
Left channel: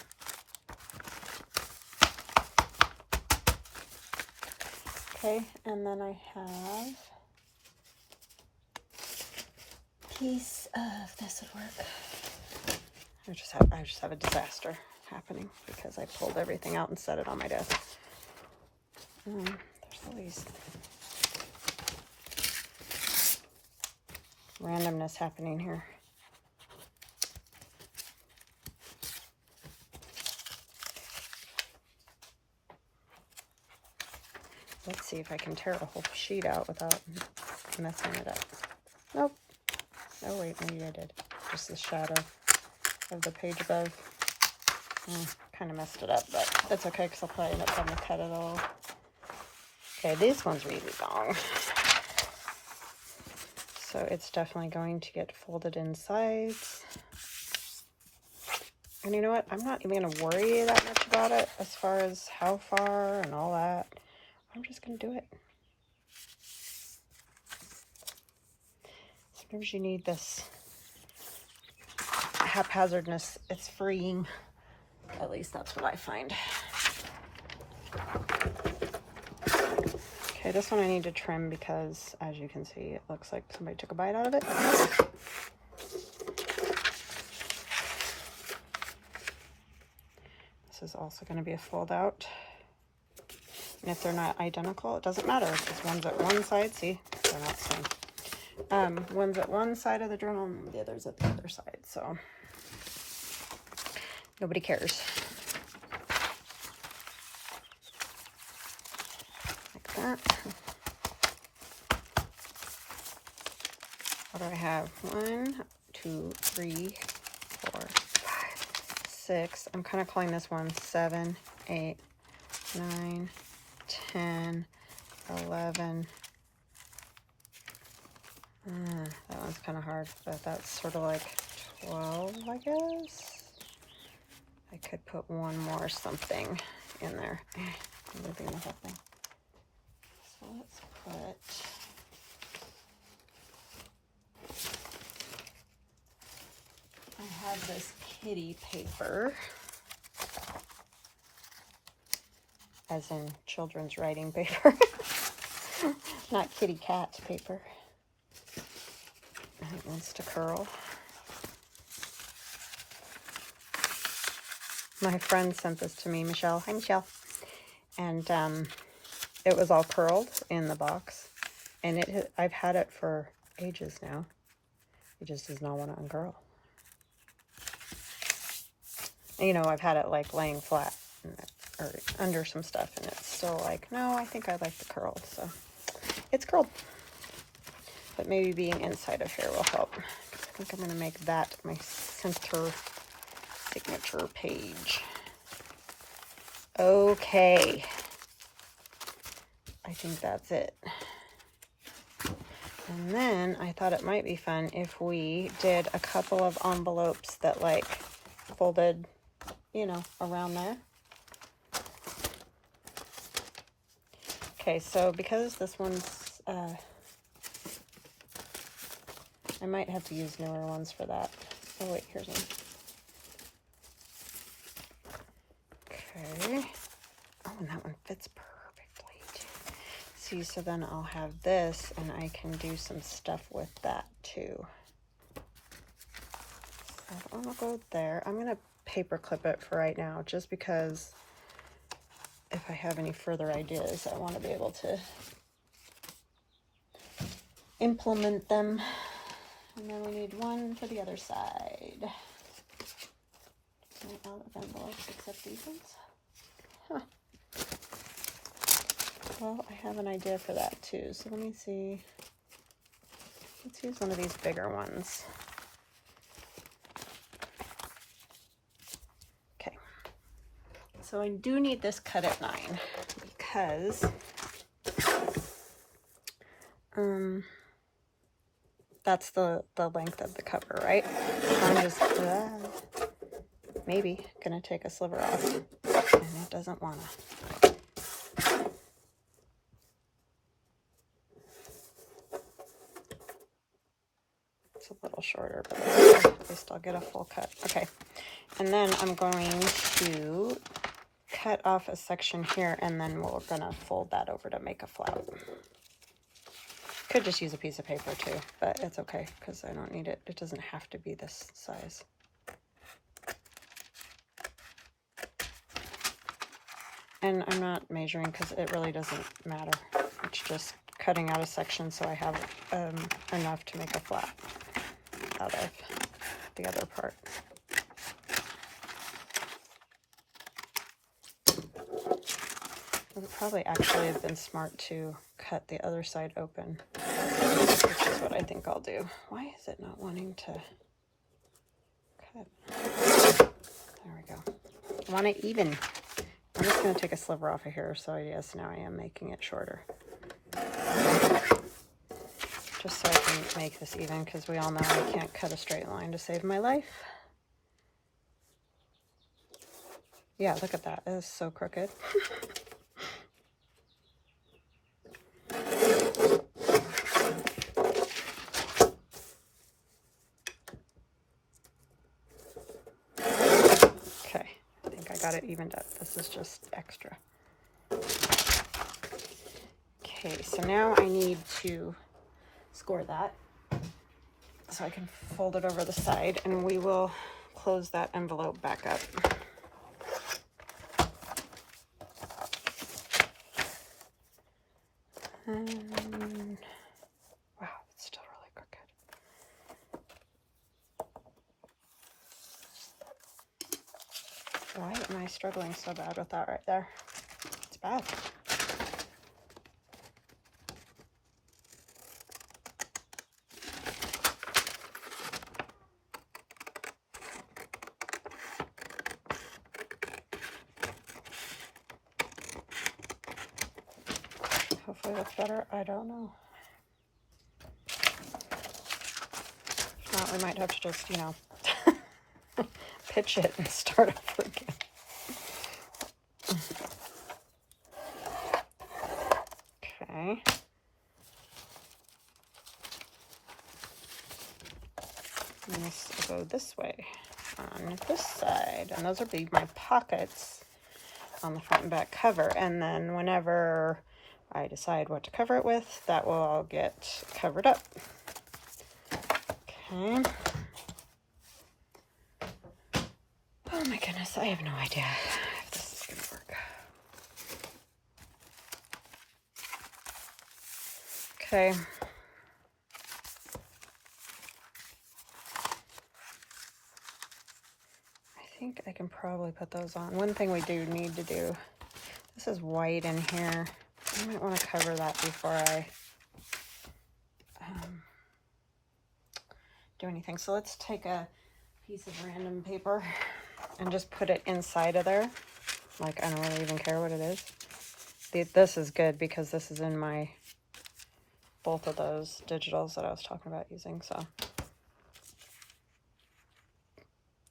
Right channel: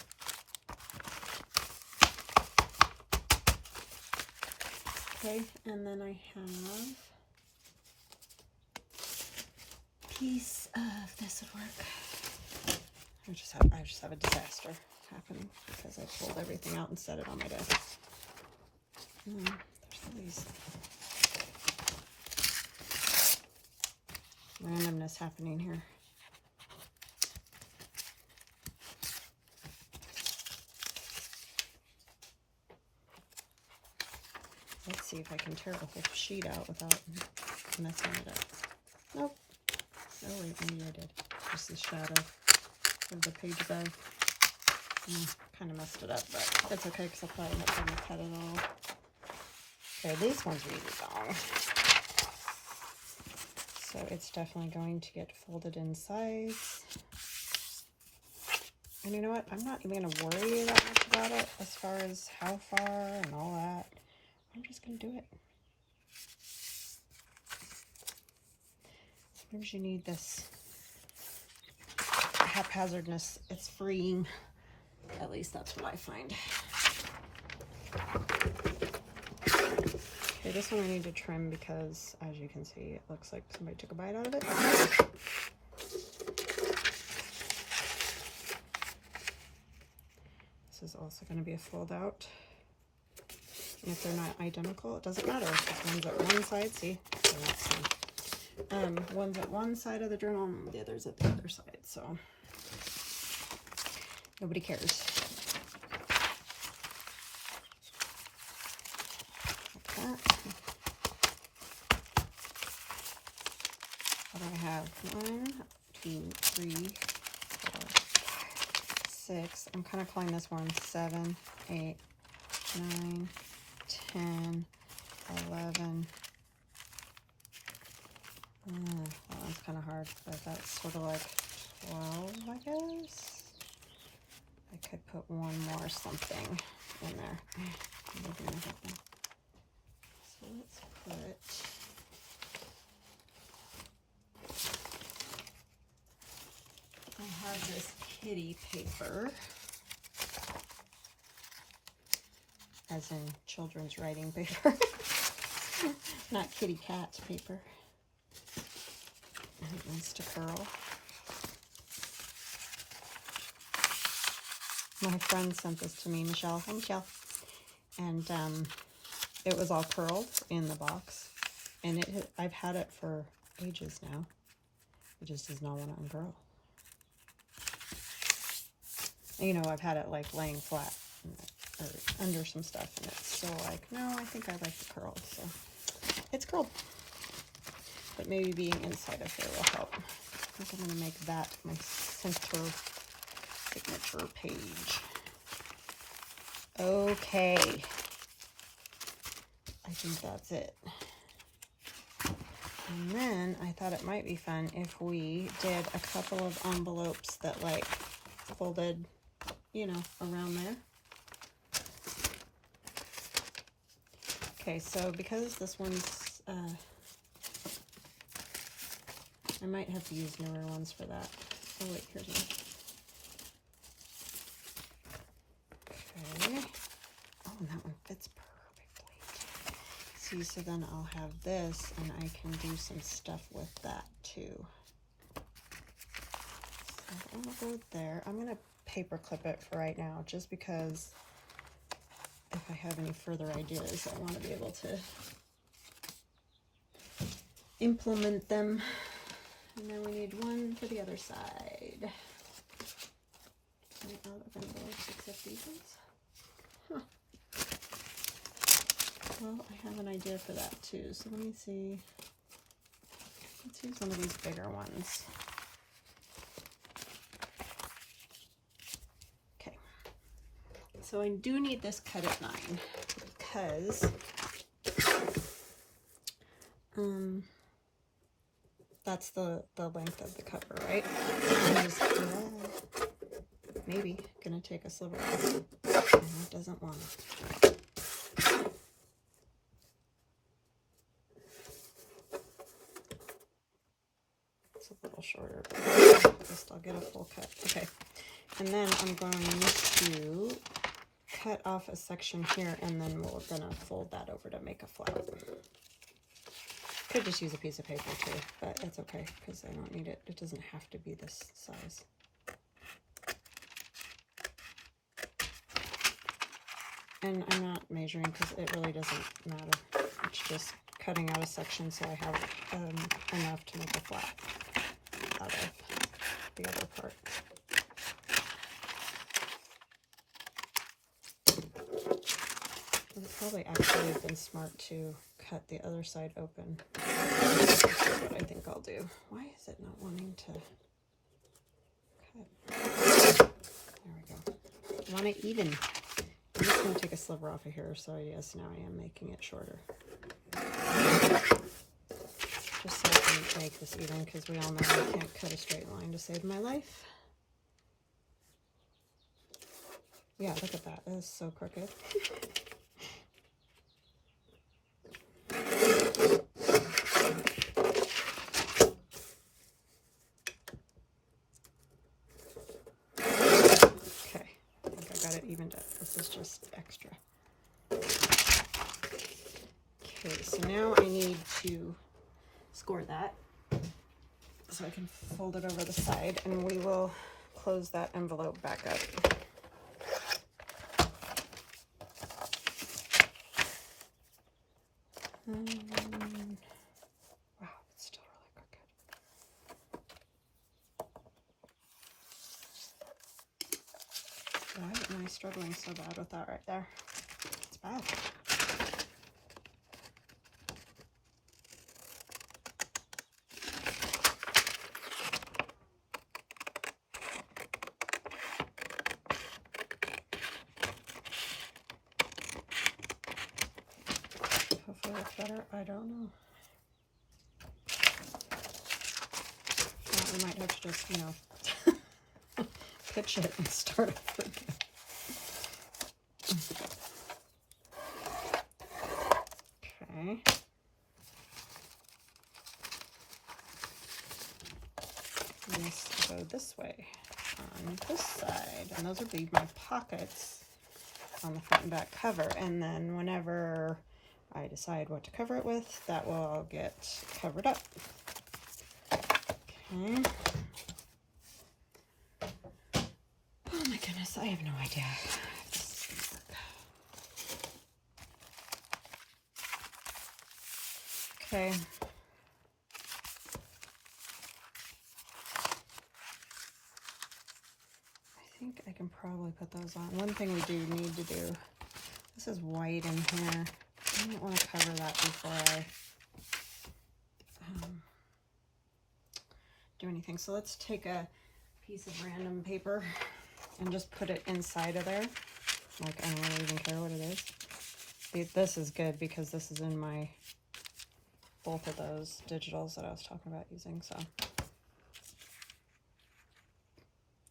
Okay, and then I have a piece of this would work. I just have a disaster happening because I pulled everything out and set it on my desk. There's all these randomness happening here. Let's see if I can tear a whole sheet out without messing it up. Nope. Oh wait, maybe I did. Just the shadow of the page above. Kind of messed it up, but that's okay because I'll probably end up having to cut it all. Okay, this one's really long. So it's definitely going to get folded in sides. And you know what? I'm not even going to worry that much about it as far as how far and all that. I'm just going to do it. Sometimes you need this haphazardness. It's freeing. At least that's what I find. Okay, this one I need to trim because, as you can see, it looks like somebody took a bite out of it. This is also going to be a fold out. And if they're not identical, it doesn't matter. Because one's at one side, see, they're not the same. One's at one side of the journal and the other's at the other side. So nobody cares. Like that. What do I have? 1, 2, 3, 4, 5, 6. I'm kind of calling this one 7, 8, 9, 10, 11. That one's kind of hard, but that's sort of like 12, I guess. I could put one more something in there. So let's put... I have this kitty paper, as in children's writing paper, not kitty cat paper. And it wants to curl. My friend sent this to me, Michelle. Hi, Michelle. And it was all curled in the box, and I've had it for ages now. It just does not want to uncurl. You know, I've had it like laying flat or under some stuff, and it's still like, no, I think I like the curl. So it's curled, but maybe being inside of here will help. I think I'm going to make that my center signature page. Okay, I think that's it. And then I thought it might be fun if we did a couple of envelopes that like folded, you know, around there. Okay, so because this one's, I might have to use newer ones for that. Oh wait, here's one. Okay. Oh, and that one fits perfectly too. See, so then I'll have this and I can do some stuff with that too. So I'm gonna go there. I'm gonna paper clip it for right now, just because if I have any further ideas, I want to be able to implement them. And then we need one for the other side. Any out of envelopes except these ones? Huh. Well, I have an idea for that too. So let me see. Let's use one of these bigger ones. Okay. So I do need this cut at 9 because that's the length of the cover, right? I'm just maybe gonna take a sliver off, and it doesn't want to. It's a little shorter, but at least I'll get a full cut. Okay, and then I'm going to cut off a section here, and then we're gonna fold that over to make a flower. Could just use a piece of paper too, but it's okay because I don't need it. It doesn't have to be this size. And I'm not measuring because it really doesn't matter. It's just cutting out a section so I have enough to make a flap out of the other part. It would probably actually have been smart to cut the other side open, which is what I think I'll do. Why is it not wanting to cut? There we go. want it even. I'm just going to take a sliver off of here, so yes, now I am making it shorter. Just so I can make this even, because we all know I can't cut a straight line to save my life. Yeah, look at that. It is so crooked. Okay, I think I got it evened up. This is just extra. Okay, so now I need to score that so I can fold it over the side, and we will close that envelope back up. And, wow, it's still really crooked. Why am I struggling so bad with that right there? It's bad. Hopefully that's better. I don't know. Well, I might have to just, you know, pitch it and start over again. Okay. And this will go this way on this side. And those will be my pockets on the front and back cover. And then whenever I decide what to cover it with, that will all get covered up. Okay. Oh my goodness, I have no idea if this is going to work. Okay. I think I can probably put those on. One thing we do need to do, this is white in here. I might want to cover that before I do anything. So let's take a piece of random paper and just put it inside of there. Like, I don't really even care what it is. This is good because this is in my, both of those digitals that I was talking about using, so.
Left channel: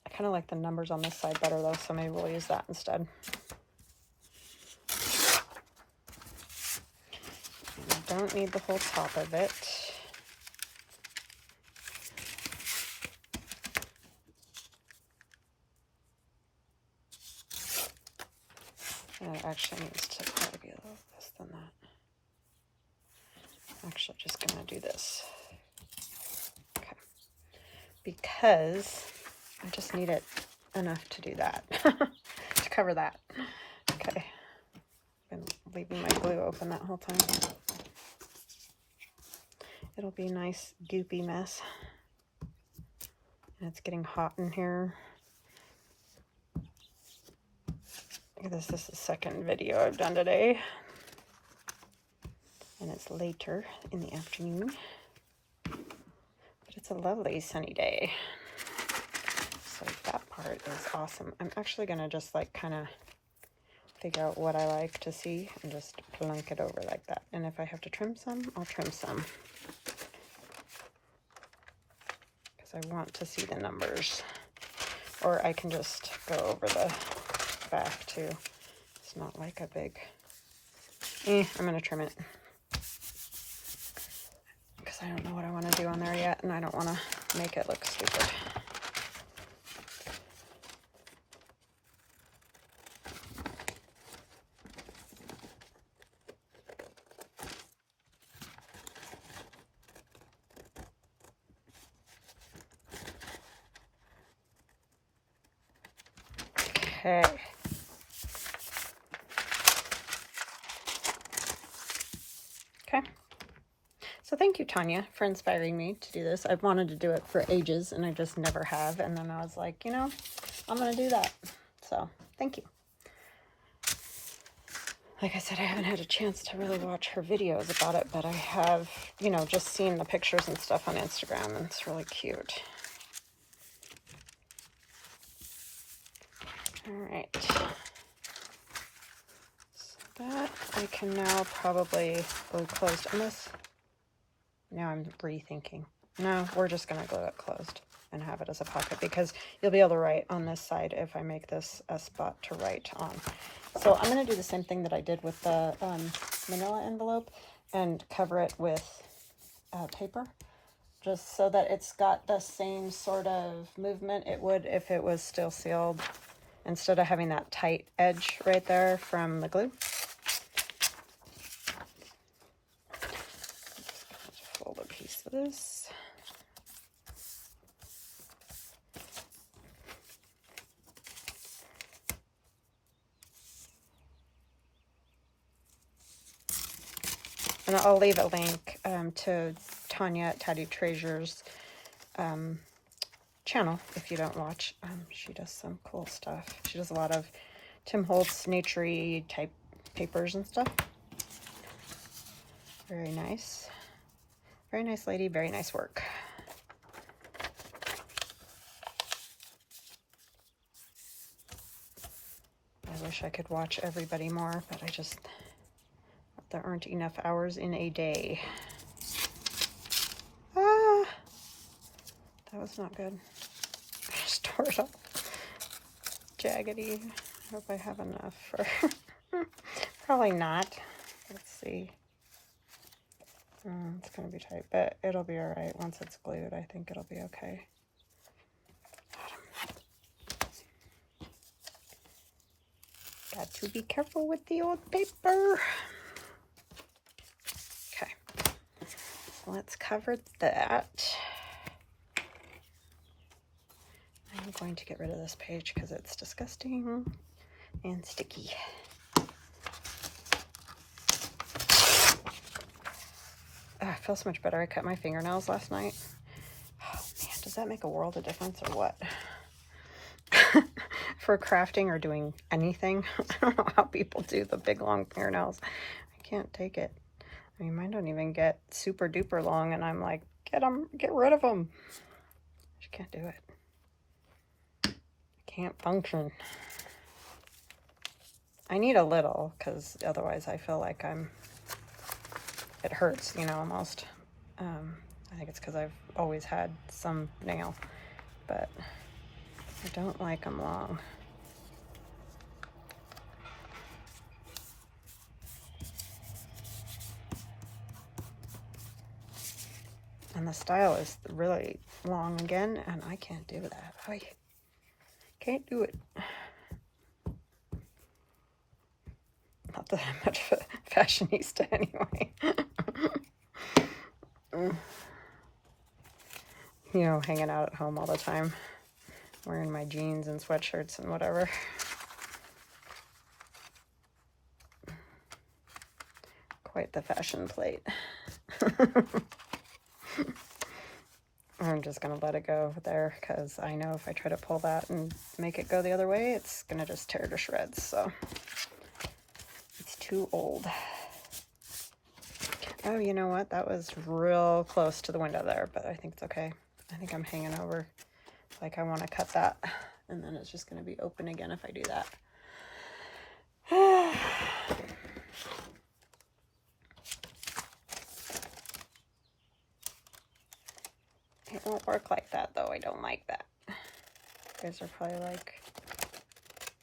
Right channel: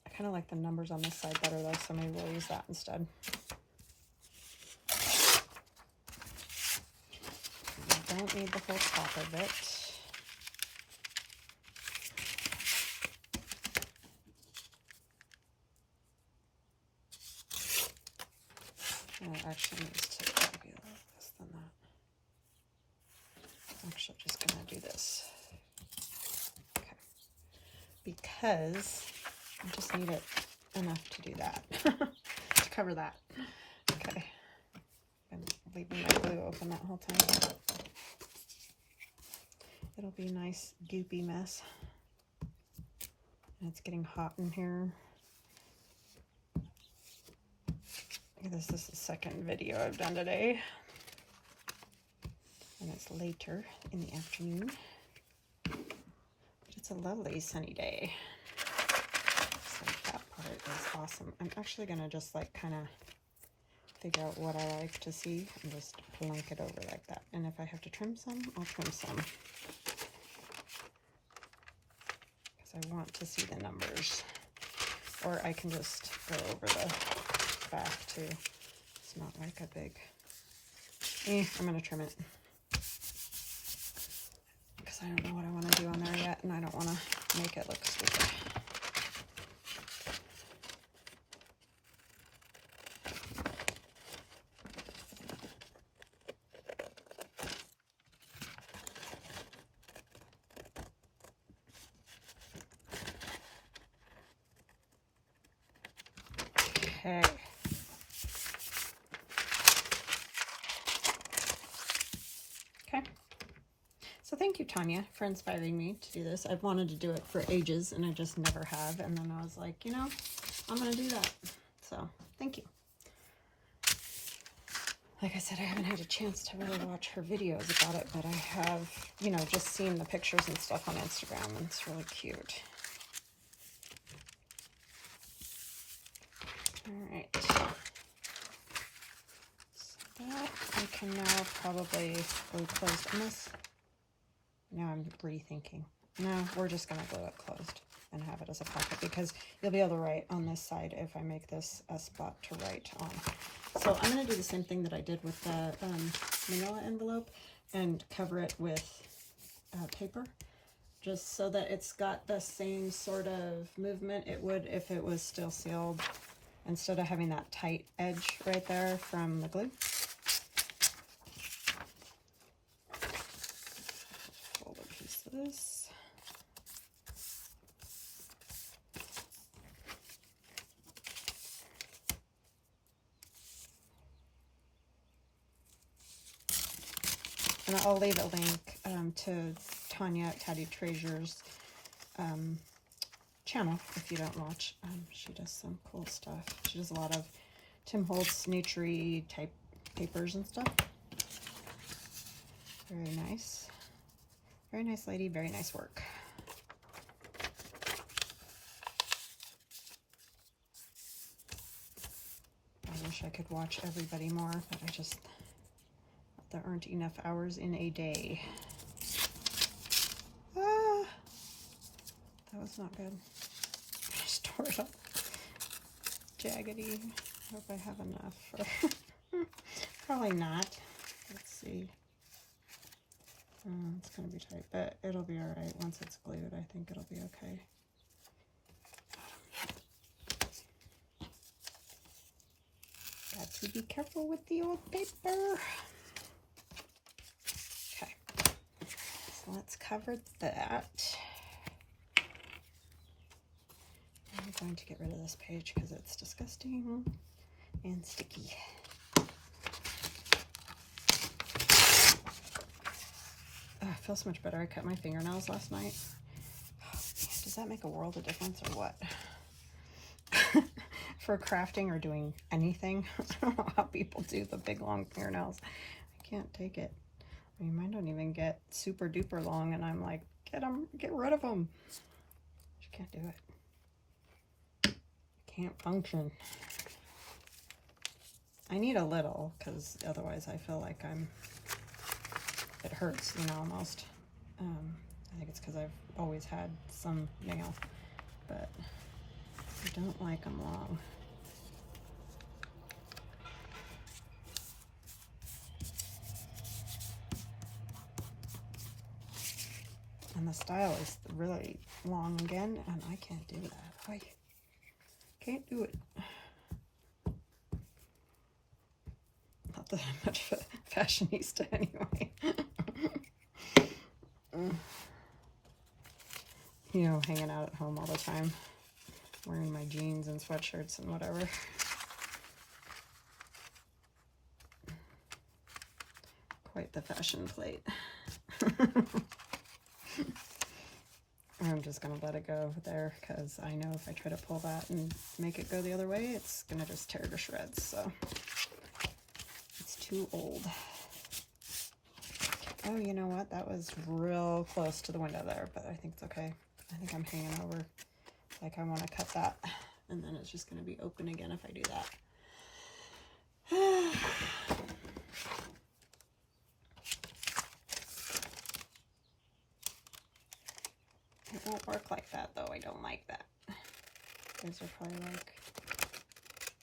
I kind of like the numbers on this side better though, so maybe we'll use that instead. You don't need the whole top of it. And it actually needs to probably be a little less than that. I'm actually just gonna do this. Okay. Because I just need it enough to do that, to cover that. Okay. I've been leaving my glue open that whole time. It'll be a nice goopy mess. And it's getting hot in here. This is the second video I've done today. And it's later in the afternoon. But it's a lovely sunny day. So that part is awesome. I'm actually going to just like kind of figure out what I like to see and just blank it over like that. And if I have to trim some, I'll trim some. Because I want to see the numbers. Or I can just go over the back too. It's not like a big, I'm going to trim it. Because I don't know what I want to do on there yet, and I don't want to make it look stupid. Okay. Okay. So thank you, Tanya, for inspiring me to do this. I've wanted to do it for ages, and I just never have. And then I was like, you know, I'm going to do that. So thank you. Like I said, I haven't had a chance to really watch her videos about it, but I have, you know, just seen the pictures and stuff on Instagram, and it's really cute. All right. So that we can now probably glue closed on this. Now I'm rethinking. No, we're just going to glue it closed and have it as a pocket, because you'll be able to write on this side if I make this a spot to write on. So I'm going to do the same thing that I did with the manila envelope and cover it with paper, just so that it's got the same sort of movement it would if it was still sealed, instead of having that tight edge right there from the glue. Fold a piece of this. And I'll leave a link to Tanya at Tatty Treasure's channel if you don't watch. She does some cool stuff. She does a lot of Tim Holtz nature-y type papers and stuff. Very nice. Very nice lady, very nice work. I wish I could watch everybody more, but there aren't enough hours in a day. Ah, that was not good. I just tore it up. Jaggedy. I hope I have enough for... Probably not. Let's see. It's going to be tight, but it'll be all right once it's glued. I think it'll be okay. Got to be careful with the old paper. Okay, so let's cover that. I'm going to get rid of this page because it's disgusting and sticky. Oh, I feel so much better. I cut my fingernails last night. Oh man, does that make a world of difference or what? For crafting or doing anything. I don't know how people do the big long fingernails. I can't take it. I mean, mine don't even get super duper long, and I'm like, get rid of them. I just can't do it. Can't function. I need a little, because otherwise I feel like it hurts, you know, almost. I think it's because I've always had some nail, but I don't like them long. And the style is really long again, and I can't do that. I can't do it. Not that I'm much of a fashionista anyway. You know, hanging out at home all the time, wearing my jeans and sweatshirts and whatever. Quite the fashion plate. I'm just gonna let it go there, because I know if I try to pull that and make it go the other way, it's gonna just tear to shreds. So it's too old. Oh, you know what? That was real close to the window there, but I think it's okay. I think I'm hanging over. Like, I want to cut that, and then it's just gonna be open again if I do that. It won't work like that, though. I don't like that. You guys are probably like,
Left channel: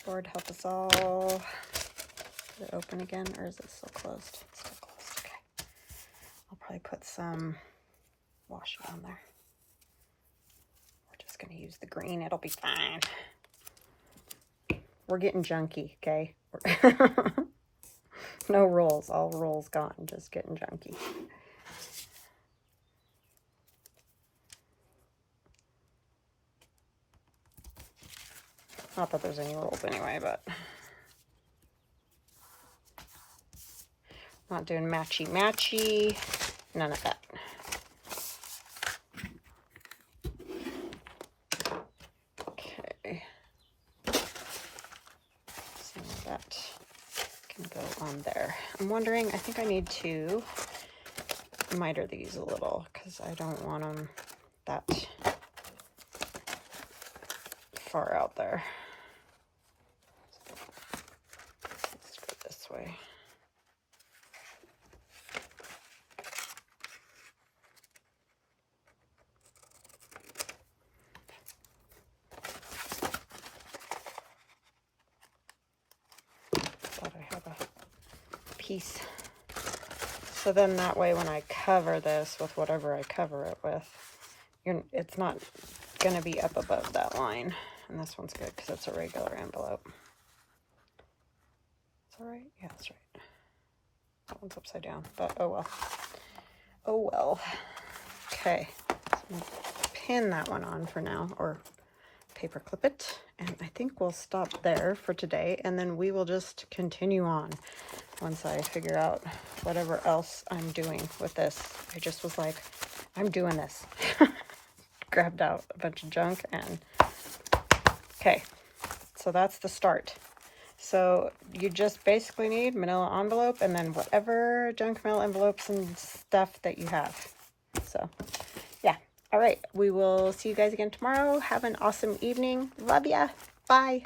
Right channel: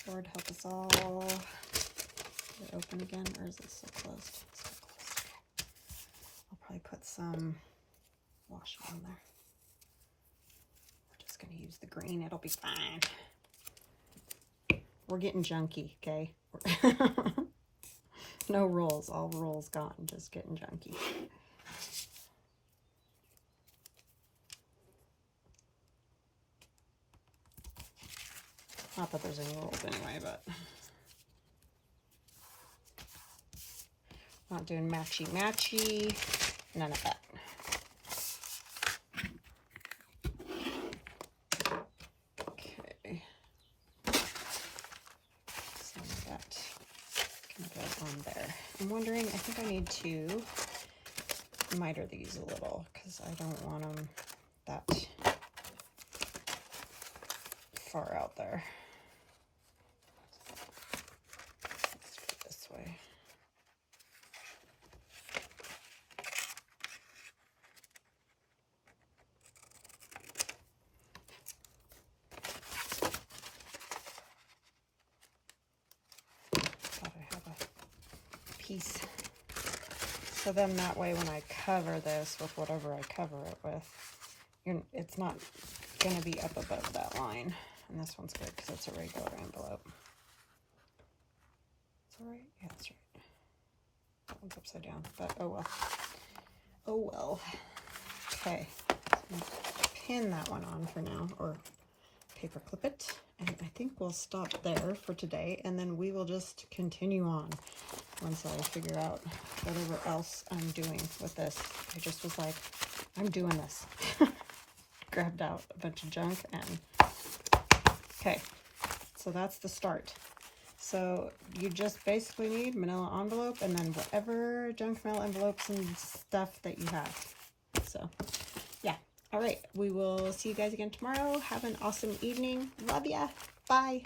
Lord help us all. Is it open again, or is it still closed? It's still closed. Okay. I'll probably put some washi on there. We're just going to use the green. It'll be fine. We're getting junky, okay? No rules. All rules gone. Just getting junky. Not that there's any rules anyway, but not doing matchy-matchy. None of that. Okay. Some of that can go on there. I'm wondering, I think I need to miter these a little, because I don't want them that far out there. way. Thought I had a piece. So then that way when I cover this with whatever I cover it with, it's not going to be up above that line. And this one's good because it's a regular envelope. It's all right? Yeah, that's right. That one's upside down, but oh well. Oh well. Okay, so I'm gonna pin that one on for now, or paper clip it. And I think we'll stop there for today, and then we will just continue on once I figure out whatever else I'm doing with this. I just was like, I'm doing this. Grabbed out a bunch of junk and okay, so that's the start. So you just basically need manila envelope and then whatever junk mail envelopes and stuff that you have. So yeah, all right, we will see you guys again tomorrow. Have an awesome evening. Love ya. Bye.